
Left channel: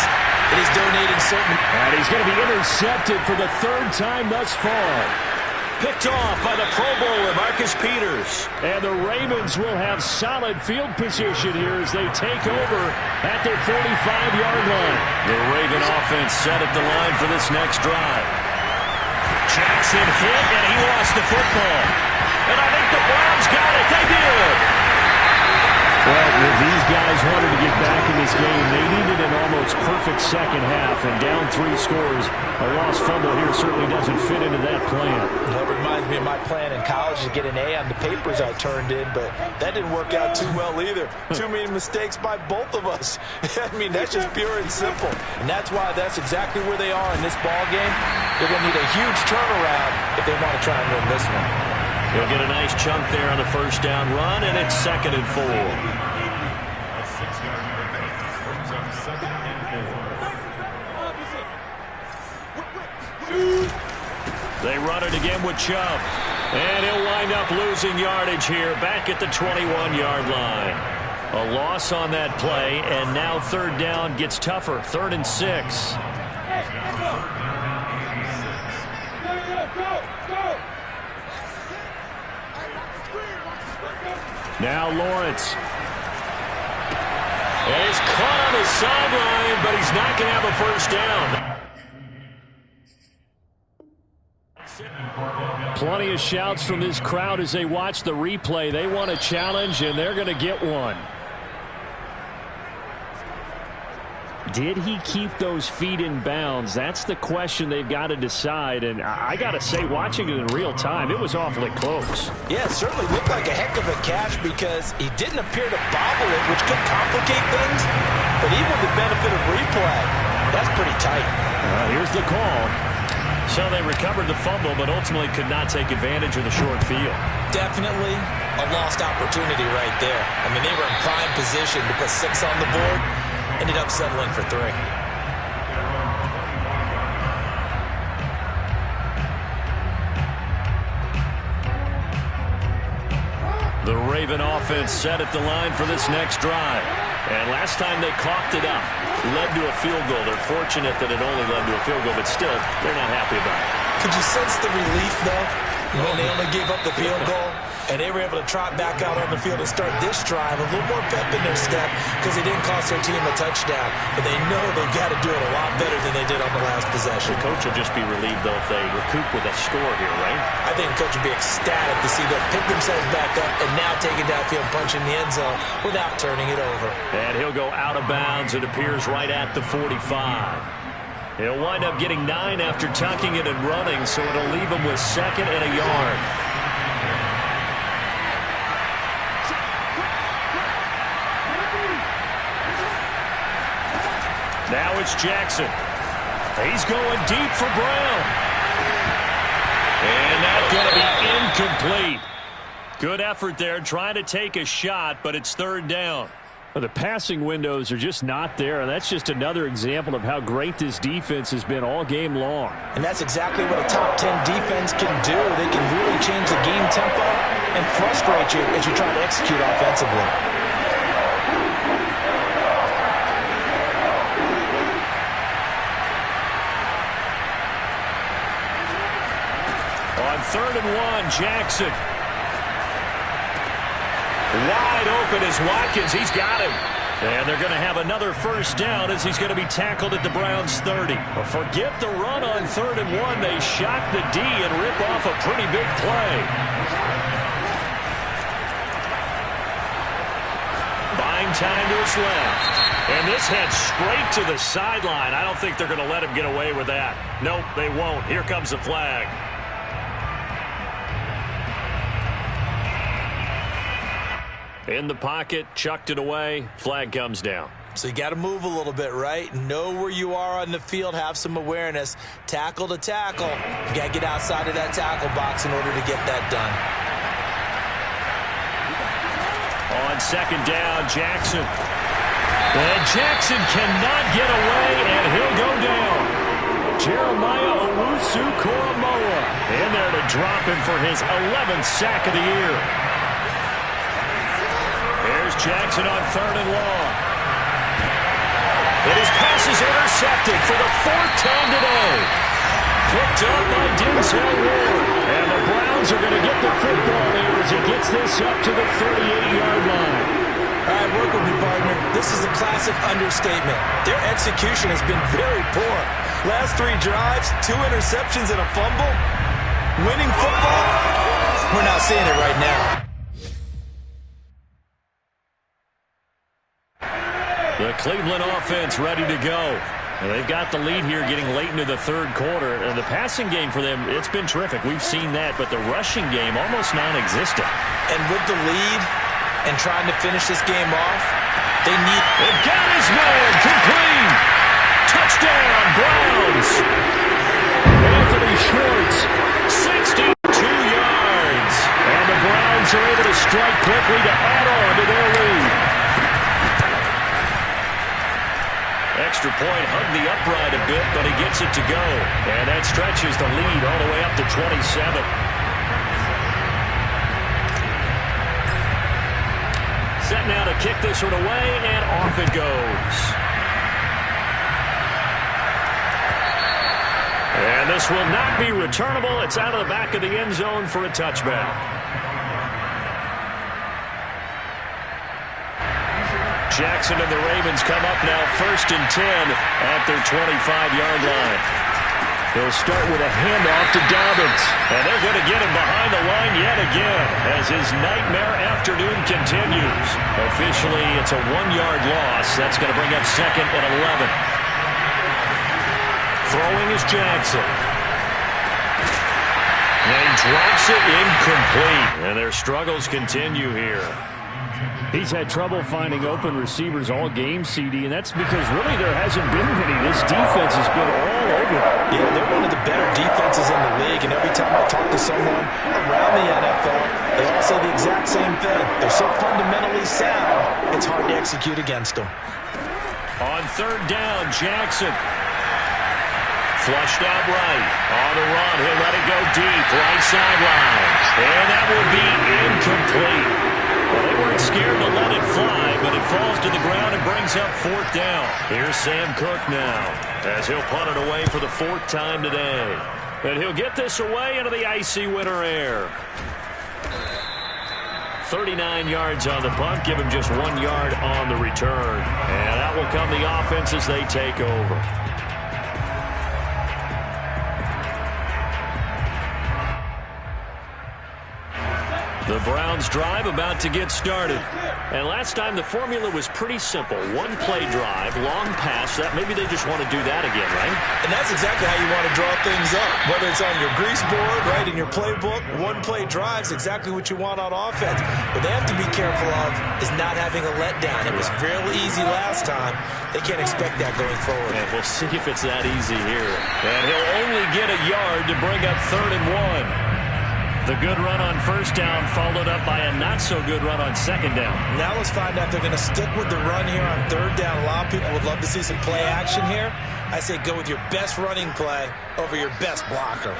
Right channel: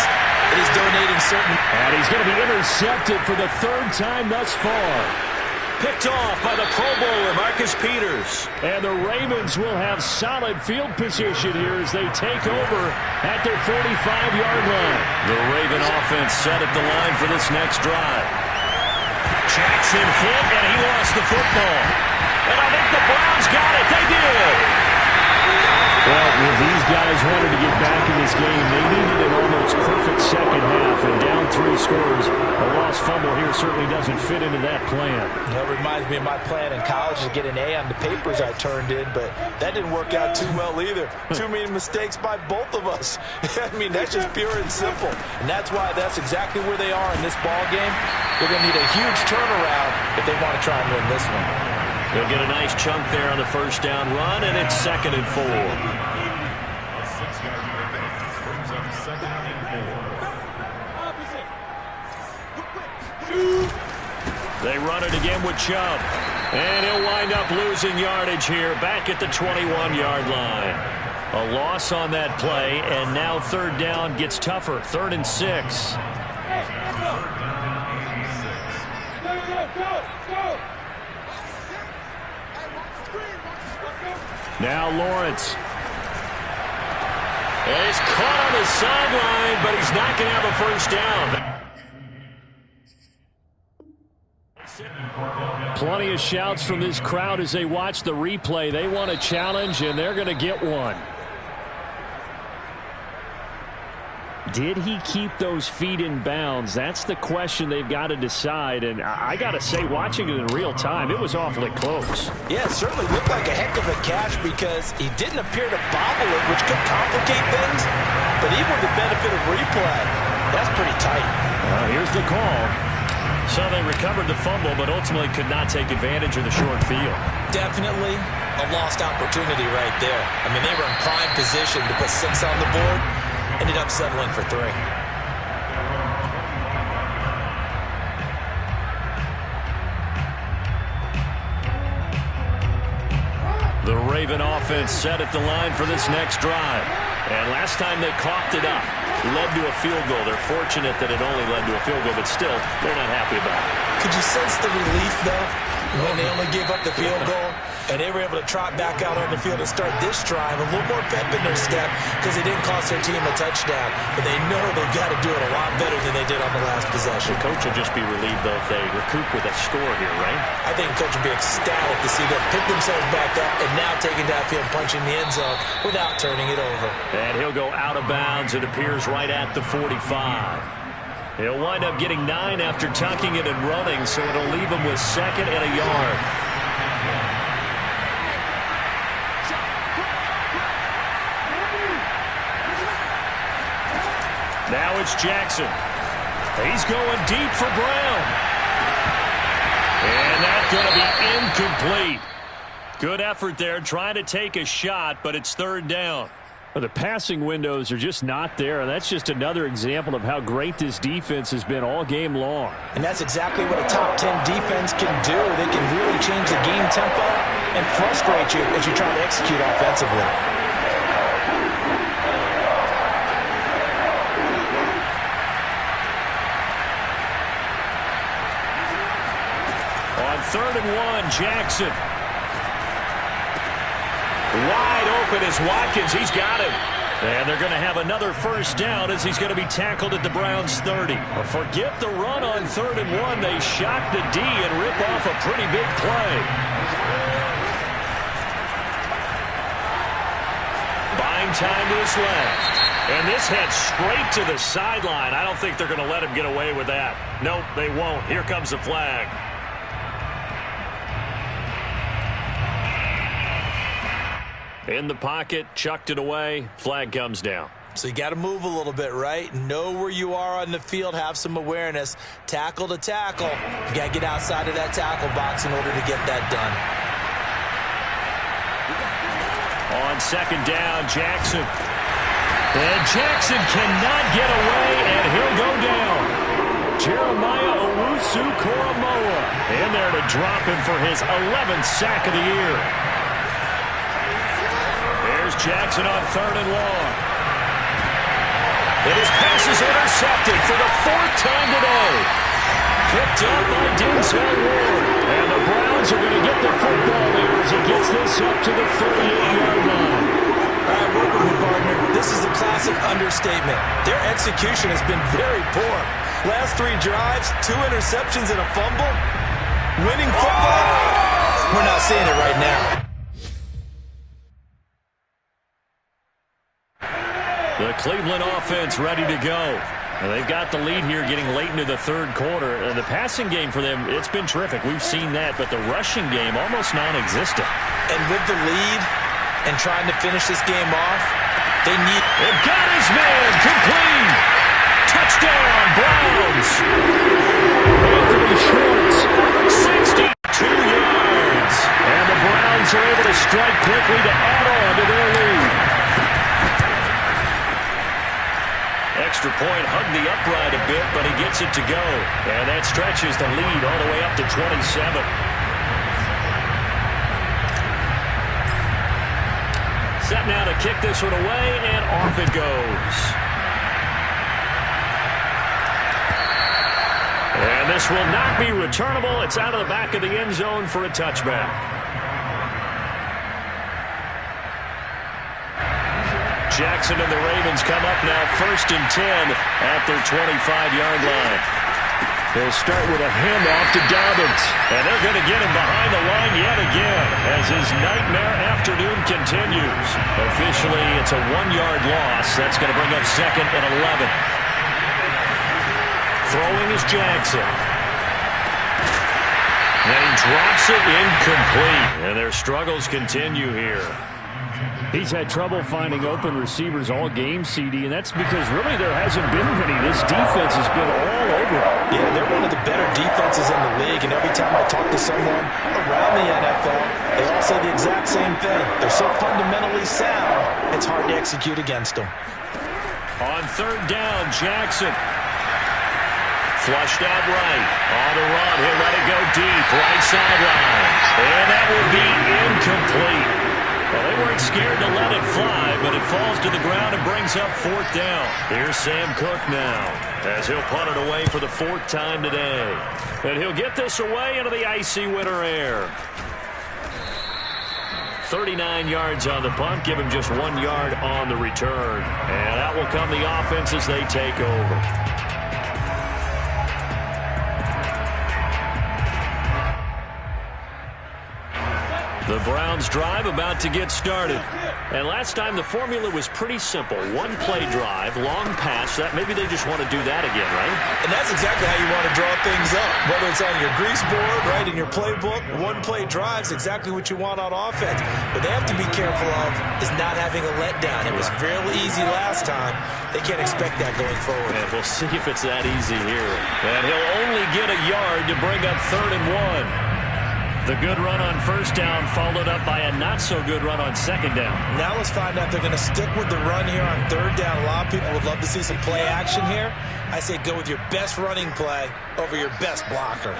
that he's donating certain. And he's going to be intercepted for the 3rd time thus far. Picked off by the Pro Bowler, Marcus Peters. And the Ravens will have solid field position here as they take over at their 45-yard line. The Raven offense set at the line for this next drive. Jackson hit, and he lost the football. And I think the Browns got it. They did. Well, if these guys wanted to get back in this game, they needed an almost perfect second half. And down 3 scores, a lost fumble here certainly doesn't fit into that plan. That reminds me of my plan in college to get an A on the papers I turned in, but that didn't work out too well either. Too many mistakes by both of us. I mean, that's just pure and simple. And that's why that's exactly where they are in this ball game. They're going to need a huge turnaround if they want to try and win this one. He'll get a nice chunk there on the first down run, and it's 2nd and 4. A 6-yard pickup brings up 2nd and 4. They run it again with Chubb. And he'll wind up losing yardage here, back at the 21-yard line. A loss on that play, and now 3rd down gets tougher. 3rd and 6. Now Lawrence. And he's caught on the sideline, but he's not going to have a first down. Plenty of shouts from this crowd as they watch the replay. They want a challenge, and they're going to get one. Did he keep those feet in bounds? That's the question they've got to decide. And I got to say, watching it in real time, it was awfully close. Yeah, it certainly looked like a heck of a catch because he didn't appear to bobble it, which could complicate things. But even with the benefit of replay, that's pretty tight. Here's the call. So they recovered the fumble, but ultimately could not take advantage of the short field. Definitely a lost opportunity right there. I mean, they were in prime position to put 6 on the board. Ended up settling for 3. The Raven offense set at the line for this next drive. And last time they coughed it up, led to a field goal. They're fortunate that it only led to a field goal, but still, they're not happy about it. Could you sense the relief, though, when they only gave up the field goal? And they were able to trot back out on the field and start this drive a little more pep in their step because they didn't cost their team a touchdown. But they know they've got to do it a lot better than they did on the last possession. The coach will just be relieved, though, if they recoup with a score here, right? I think the coach will be ecstatic to see them pick themselves back up and now taking downfield, punching the end zone without turning it over. And he'll go out of bounds. It appears right at the 45. He'll wind up getting 9 after tucking it and running, so it'll leave him with 2nd and a yard. Now it's Jackson. He's going deep for Brown. And that's going to be incomplete. Good effort there trying to take a shot, but it's 3rd down. The passing windows are just not there, and that's just another example of how great this defense has been all game long. And that's exactly what a top 10 defense can do. They can really change the game tempo and frustrate you as you try to execute offensively. On 3rd and 1, Jackson. Wide open is Watkins. He's got him. And they're going to have another 1st down as he's going to be tackled at the Browns' 30. Well, forget the run on 3rd and 1. They shot the D and rip off a pretty big play. Buying time to his left. And this heads straight to the sideline. I don't think they're going to let him get away with that. Nope, they won't. Here comes the flag. In the pocket, chucked it away, flag comes down. So you got to move a little bit, right? Know where you are on the field, have some awareness. Tackle to tackle. You got to get outside of that tackle box in order to get that done. On 2nd down, Jackson. And Jackson cannot get away, and he'll go down. Jeremiah Owusu-Koramoah in there to drop him for his 11th sack of the year. Here's Jackson on 3rd and long. And his pass is intercepted for the 4th time today. Picked up by Denzel Ward. And the Browns are going to get the football here as he gets this up to the 38-yard line. All right, work with me, partner. This is a classic understatement. Their execution has been very poor. Last 3 drives, 2 interceptions and a fumble. Winning football? We're not seeing it right now. The Cleveland offense ready to go. And they've got the lead here getting late into the 3rd quarter. And the passing game for them, it's been terrific. We've seen that. But the rushing game, almost non-existent. And with the lead and trying to finish this game off, they need... They've got his man complete. Touchdown, Browns. Anthony Schwartz, 62 yards. And the Browns are able to strike quickly to add on to their lead. Extra point, hugged the upright a bit, but he gets it to go. And that stretches the lead all the way up to 27. Set now to kick this one away, and off it goes. And this will not be returnable. It's out of the back of the end zone for a touchback. Jackson and the Ravens come up now 1st and 10 at their 25-yard line. He'll start with a handoff to Dobbins. And they're going to get him behind the line yet again as his nightmare afternoon continues. Officially, it's a 1-yard loss. That's going to bring up 2nd and 11. Throwing is Jackson. And he drops it incomplete. And their struggles continue here. He's had trouble finding open receivers all game, CD, and that's because really there hasn't been many. This defense has been all over. Yeah, they're one of the better defenses in the league, and every time I talk to someone around the NFL, they all say the exact same thing. They're so fundamentally sound, it's hard to execute against them. On 3rd down, Jackson. Flushed out right. On the run, he'll let it go deep. Right sideline. And that will be incomplete. Well, they weren't scared to let it fly, but it falls to the ground and brings up 4th down. Here's Sam Cook now as he'll punt it away for the 4th time today. And he'll get this away into the icy winter air. 39 yards on the punt, give him just 1 yard on the return. And out will come the offense as they take over. The Browns drive about to get started. And last time the formula was pretty simple. 1-play drive, long pass. That maybe they just want to do that again, right? And that's exactly how you want to draw things up. Whether it's on your grease board, right, in your playbook, 1-play drive's exactly what you want on offense. What they have to be careful of is not having a letdown. It was real easy last time. They can't expect that going forward. And we'll see if it's that easy here. And he'll only get a yard to bring up 3rd and 1. The good run on 1st down followed up by a not-so-good run on 2nd down. Now let's find out if they're going to stick with the run here on 3rd down. A lot of people would love to see some play action here. I say go with your best running play over your best blocker.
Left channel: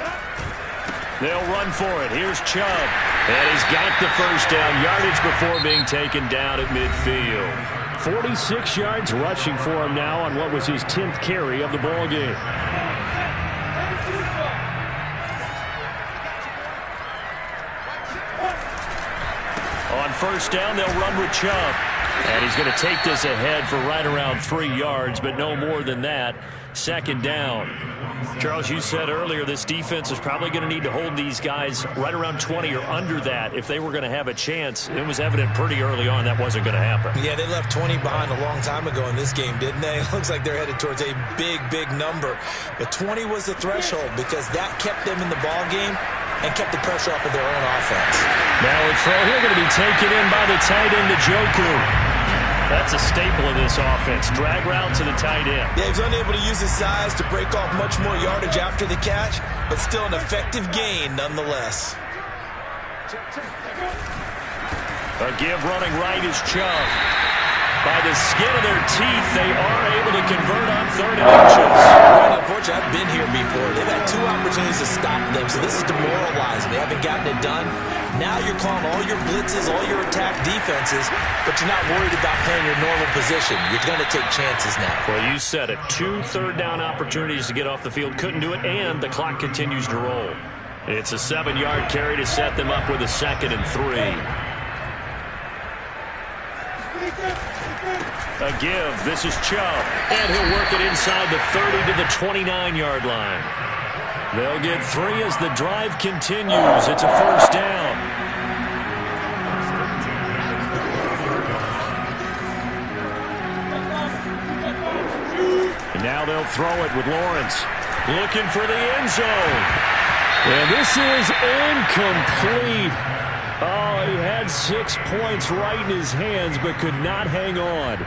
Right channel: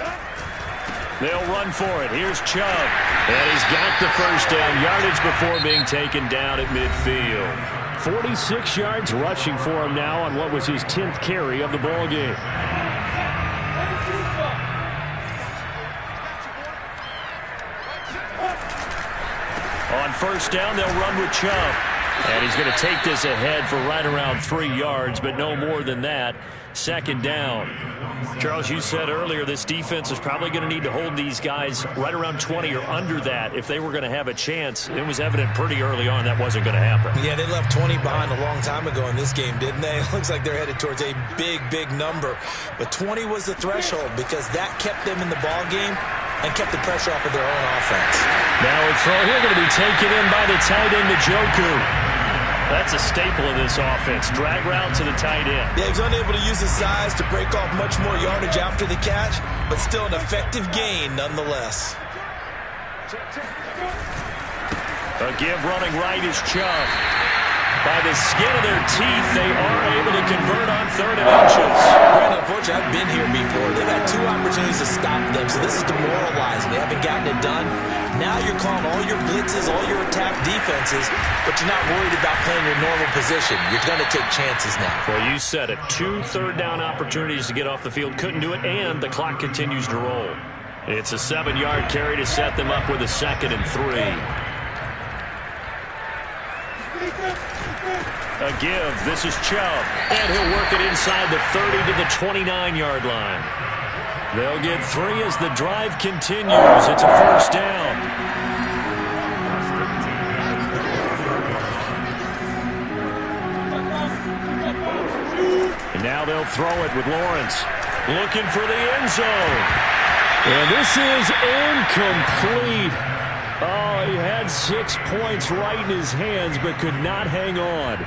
They'll run for it. Here's Chubb. And he's got the 1st down yardage before being taken down at midfield. 46 yards rushing for him now on what was his 10th carry of the ball game. On 1st down, they'll run with Chubb. And he's going to take this ahead for right around 3 yards, but no more than that. 2nd down. Charles, you said earlier this defense is probably going to need to hold these guys right around 20 or under that if they were going to have a chance. It was evident pretty early on that wasn't going to happen. Yeah, they left 20 behind a long time ago in this game, didn't they? It looks like they're headed towards a big, big number. But 20 was the threshold because that kept them in the ball game and kept the pressure off of their own offense. Now a throw here going to be taken in by the tight end, Njoku. That's a staple of this offense. Drag route to the tight end. Yeah, he's unable to use his size to break off much more yardage after the catch, but still an effective gain nonetheless. A give running right is Chubb. By the skin of their teeth, they are able to convert on 3rd and inches. Brandon, unfortunately, I've been here before. They've had 2 opportunities to stop them, so this is demoralizing. They haven't gotten it done. Now you're calling all your blitzes, all your attack defenses, but you're not worried about playing your normal position. You're going to take chances now. Well, you said it. 2 third-down opportunities to get off the field. Couldn't do it, and the clock continues to roll. It's a 7-yard carry to set them up with a 2nd and 3. A give. This is Chubb. And he'll work it inside the 30 to the 29-yard line. They'll get 3 as the drive continues. It's a 1st down. And now they'll throw it with Lawrence. Looking for the end zone. And this is incomplete. Oh, he had 6 points right in his hands, but could not hang on.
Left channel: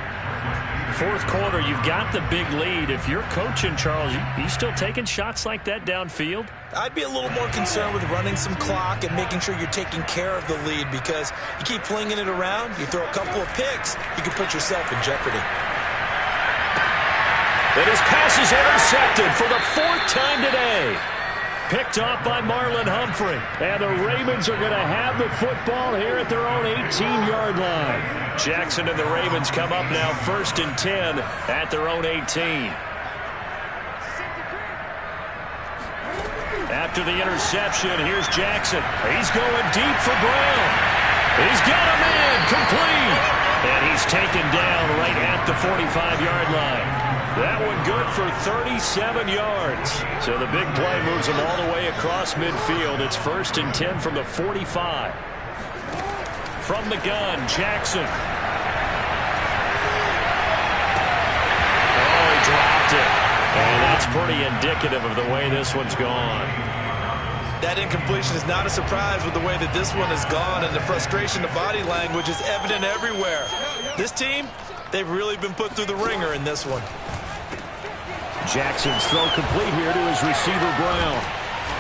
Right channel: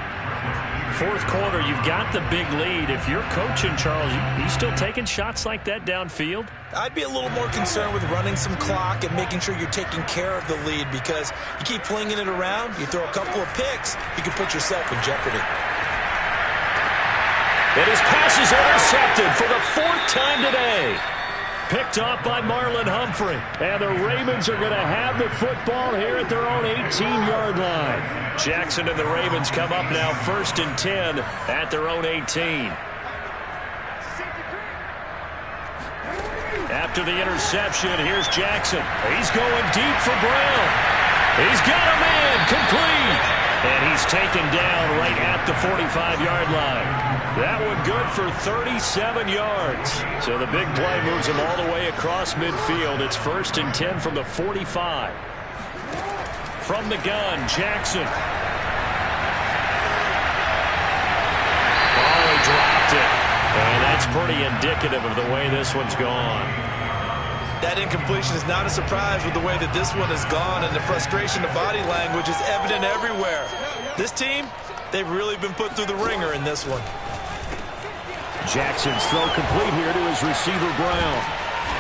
4th quarter, you've got the big lead. If you're coaching, Charles, you still taking shots like that downfield? I'd be a little more concerned with running some clock and making sure you're taking care of the lead, because you keep flinging it around, you throw a couple of picks, you can put yourself in jeopardy. And his pass is intercepted for the 4th time today. Picked off by Marlon Humphrey. And the Ravens are going to have the football here at their own 18-yard line. Jackson and the Ravens come up now 1st and 10 at their own 18. After the interception, here's Jackson. He's going deep for Brown. He's got a man complete. And he's taken down right at the 45-yard line. That one good for 37 yards. So the big play moves him all the way across midfield. It's 1st and 10 from the 45. From the gun, Jackson. Oh, he dropped it. And that's pretty indicative of the way this one's gone. That incompletion is not a surprise with the way that this one has gone, and the frustration, the body language is evident everywhere. This team, they've really been put through the ringer in this one. Jackson's throw complete here to his receiver, Brown.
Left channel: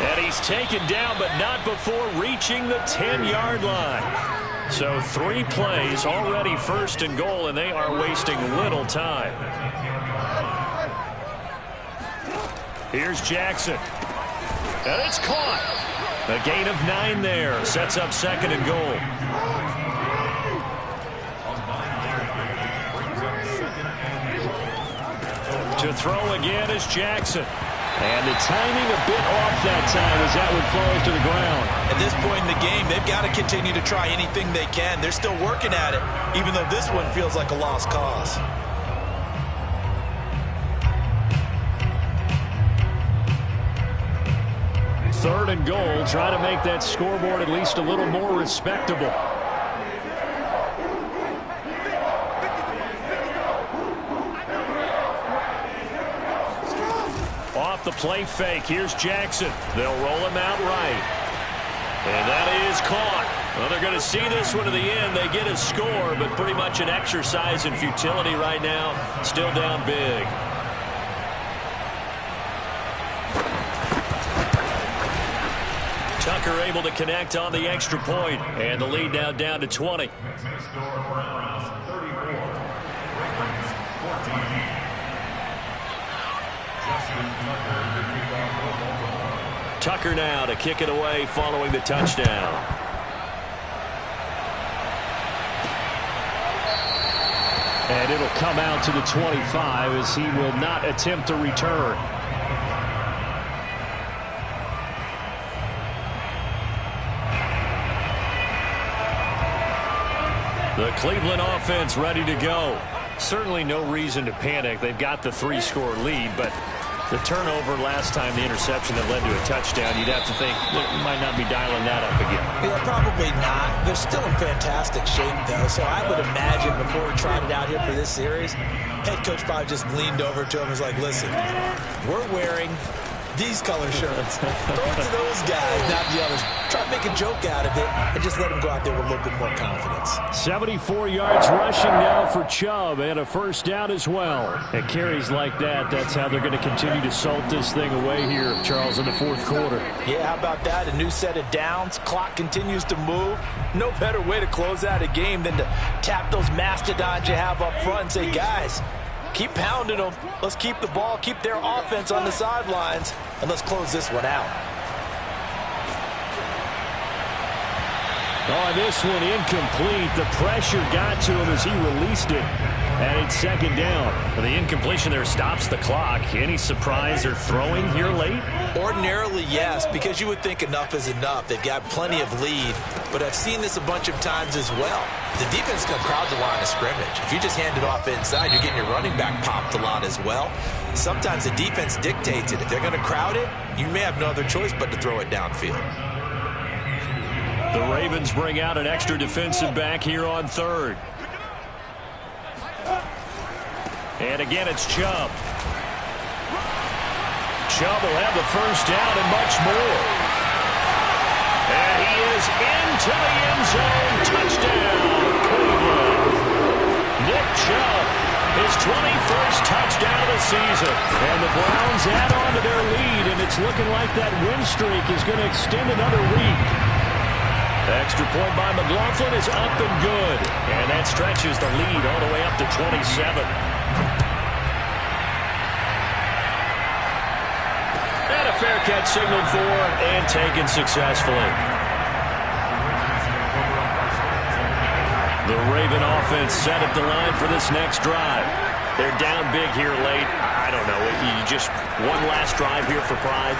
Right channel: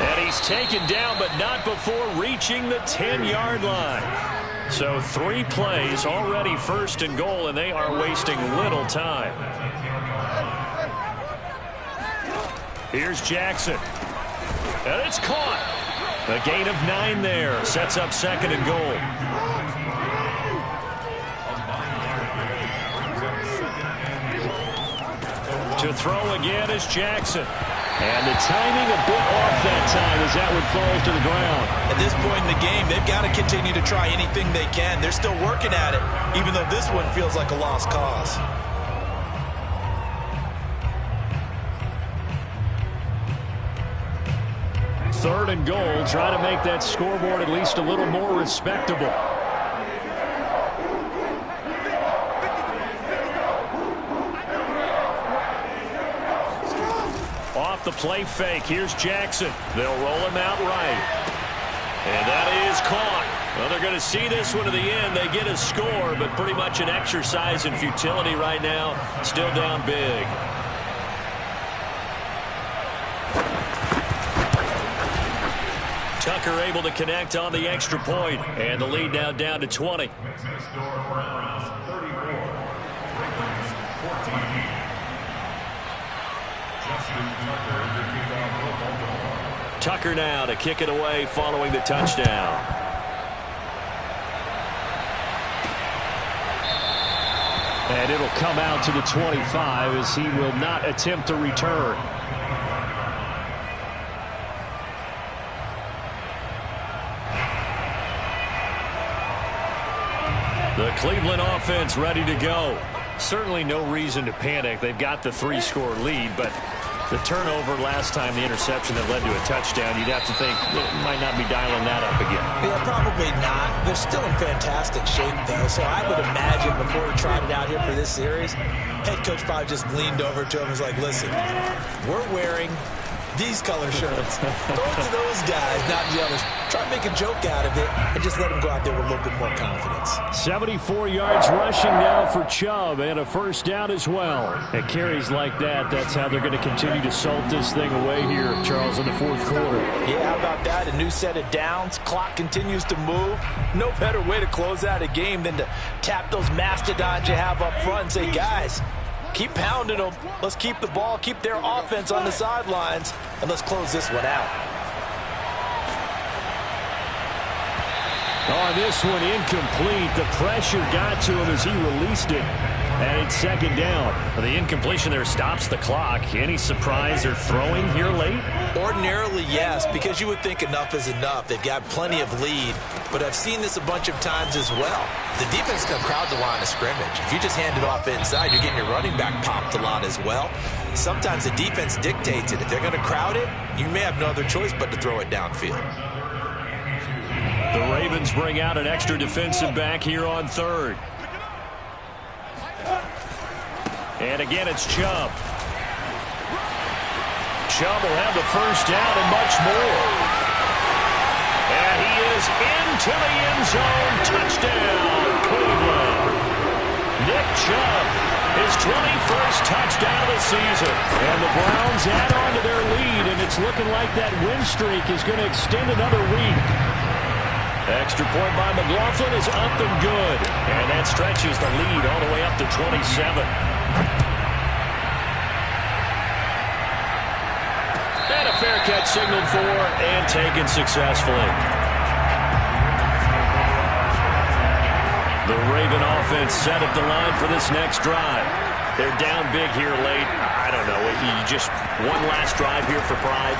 And he's taken down, but not before reaching the 10-yard line. So 3 plays, already 1st and goal, and they are wasting little time. Here's Jackson. And it's caught. A gain of 9 there. Sets up 2nd and goal. To throw again is Jackson. And the timing a bit off that time as that one falls to the ground. At this point in the game, they've got to continue to try anything they can. They're still working at it, even though this one feels like a lost cause. Third and goal. Try to make that scoreboard at least a little more respectable. Off the play fake. Here's Jackson. They'll roll him out right. And that is caught. Well, they're going to see this one to the end. They get a score, but pretty much an exercise in futility right now. Still down big. Tucker able to connect on the extra point, and the lead now down to 20. Tucker now to kick it away following the touchdown. And it'll come out to the 25 as he will not attempt to return. The Cleveland offense ready to go. Certainly no reason to panic. They've got the 3-score lead, but the turnover last time, the interception that led to a touchdown, you'd have to think they might not be dialing that up again. Yeah, probably not. They're still in fantastic shape, though, so I would imagine before we tried it out here for this series, head coach probably just leaned over to him and was like, listen, we're wearing these color shirts. Throw it to those guys, not the others. Try to make a joke out of it and just let them go out there with a little bit more confidence. 74 yards rushing now for Chubb and a 1st down as well. At carries like that, that's how they're going to continue to salt this thing away here, Charles, in the 4th quarter. Yeah, how about that? A new set of downs. Clock continues to move. No better way to close out a game than to tap those mastodons you have up front and say, guys, keep pounding them. Let's keep the ball, keep their offense on the sidelines, and let's close this one out. Oh, this one incomplete. The pressure got to him as he released it. And it's 2nd down. Well, the incompletion there stops the clock. Any surprise they're throwing here late? Ordinarily, yes, because you would think enough is enough. They've got plenty of lead, but I've seen this a bunch of times as well. The defense can crowd the line of scrimmage. If you just hand it off inside, you're getting your running back popped a lot as well. Sometimes the defense dictates it. If they're going to crowd it, you may have no other choice but to throw it downfield. The Ravens bring out an extra defensive back here on 3rd. And again, it's Chubb. Chubb will have the 1st down and much more. And he is into the end zone. Touchdown, Cleveland. Nick Chubb, his 21st touchdown of the season. And the Browns add on to their lead, and it's looking like that win streak is going to extend another week. Extra point by McLaughlin is up and good. And that stretches the lead all the way up to 27. And a fair catch signaled for and taken successfully. The Raven offense set at the line for this next drive. They're down big here late. I don't know. You just one last drive here for pride.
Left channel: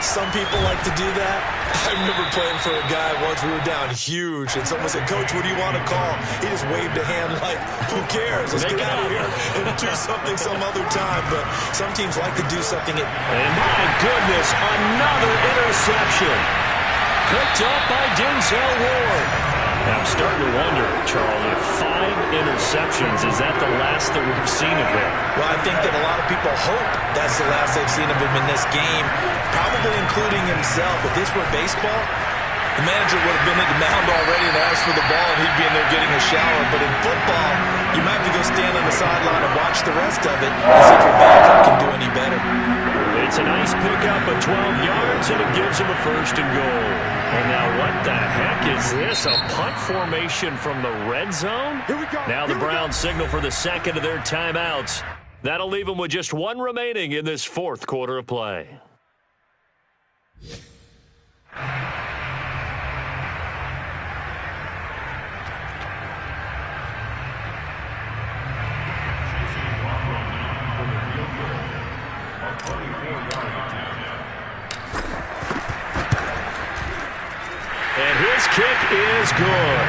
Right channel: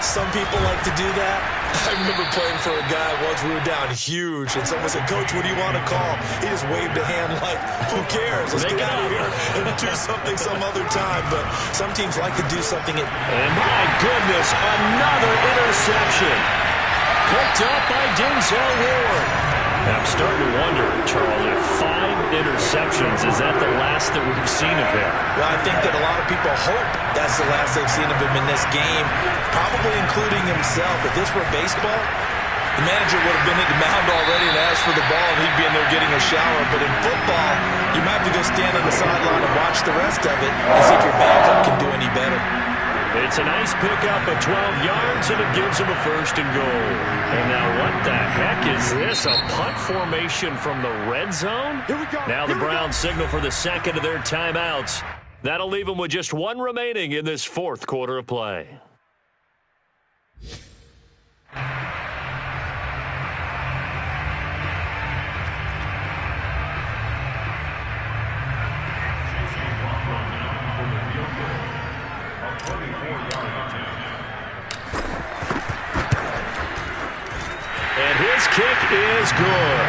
Some people like to do that. I remember playing for a guy once. We were down huge, and someone said, "Coach, what do you want to call?" He just waved a hand like, "Who cares? Let's get out of here and do something some other time." But some teams like to do something. And my goodness, another interception. Picked up by Denzel Ward. I'm starting to wonder, Charles, if 5 interceptions, is that the last that we've seen of him? Well, I think that a lot of people hope that's the last they've seen of him in this game, probably including himself. If this were baseball, the manager would have been at the mound already and asked for the ball, and he'd be in there getting a shower. But in football, you might have to go stand on the sideline and watch the rest of it and see if your backup can do any better. It's a nice pickup of 12 yards, and it gives him a 1st and goal. And now what the heck is this? A punt formation from the red zone? Here we go. Now the Browns signal for the second of their timeouts. That'll leave them with just 1 remaining in this 4th quarter of play. And his kick is good.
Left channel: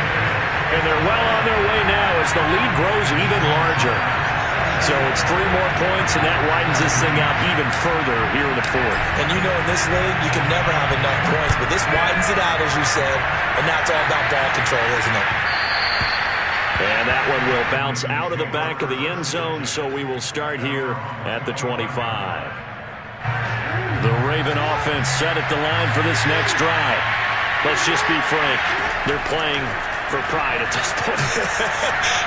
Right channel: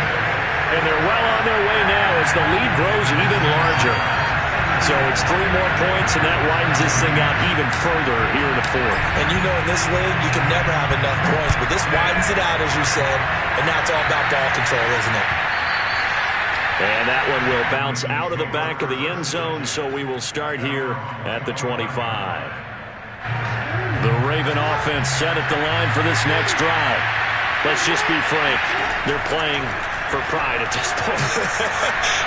And they're well on their way now as the lead grows even larger. So it's 3 more points, and that widens this thing out even further here in the 4th. And you know, in this league, you can never have enough points. But this widens it out, as you said. And now it's all about ball control, isn't it? And that one will bounce out of the back of the end zone, so we will start here at the 25. The Raven offense set at the line for this next drive. Let's just be frank, they're playing for pride at this point.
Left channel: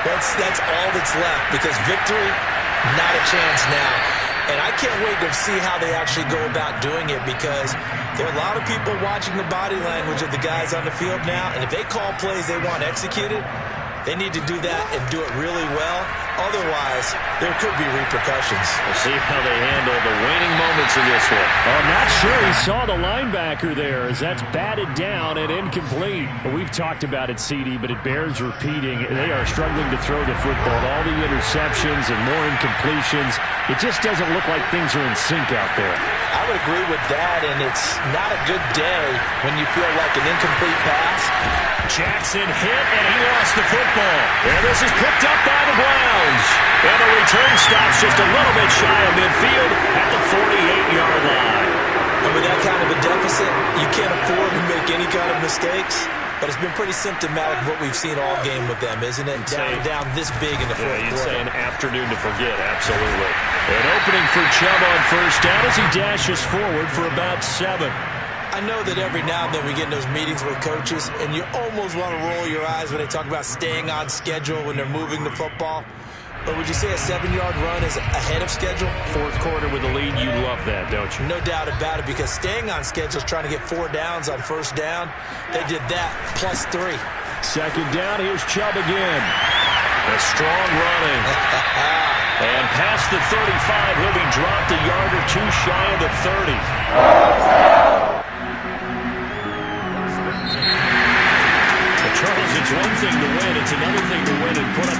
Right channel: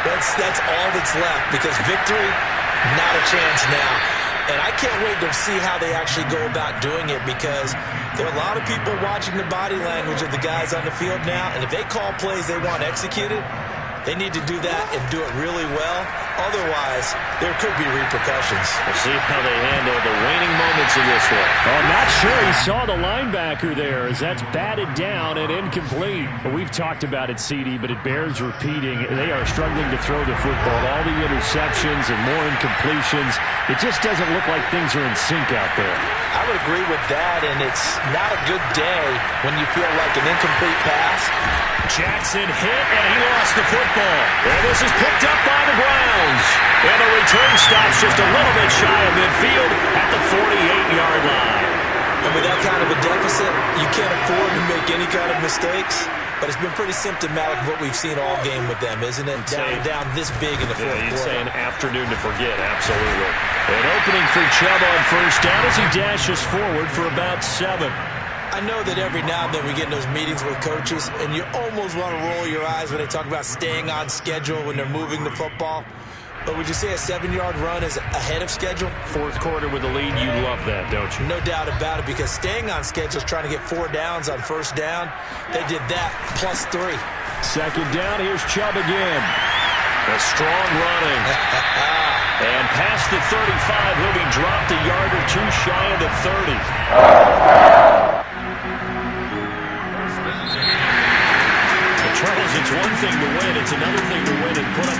That's all that's left, because victory, not a chance now. And I can't wait to see how they actually go about doing it, because there are a lot of people watching the body language of the guys on the field now, and if they call plays they want executed, they need to do that and do it really well. Otherwise, there could be repercussions. We'll see how they handle the waning moments of this one. Oh, not sure he saw the linebacker there as that's batted down and incomplete. We've talked about it, CD, but it bears repeating. They are struggling to throw the football. All the interceptions and more incompletions. It just doesn't look like things are in sync out there. I would agree with that, and it's not a good day when you feel like an incomplete pass. Jackson hit, and he lost the football. And this is picked up by the Browns. And the return stops just a little bit shy of midfield at the 48-yard line. And with that kind of a deficit, you can't afford to make any kind of mistakes. But it's been pretty symptomatic of what we've seen all game with them, isn't it? Down this big in the 4th quarter. You'd say an afternoon to forget, absolutely. An opening for Chubb on 1st down as he dashes forward for about 7. I know that every now and then we get in those meetings with coaches, and you almost want to roll your eyes when they talk about staying on schedule when they're moving the football. But would you say a 7-yard run is ahead of schedule? 4th quarter with a lead, you love that, don't you? No doubt about it, because staying on schedule is trying to get 4 downs on 1st down. They did that plus 3. 2nd down, here's Chubb again. A strong running. And past the 35, he'll be dropped a yard or 2 shy of the 30. Charles, it's one thing to win. It's another thing to win and put up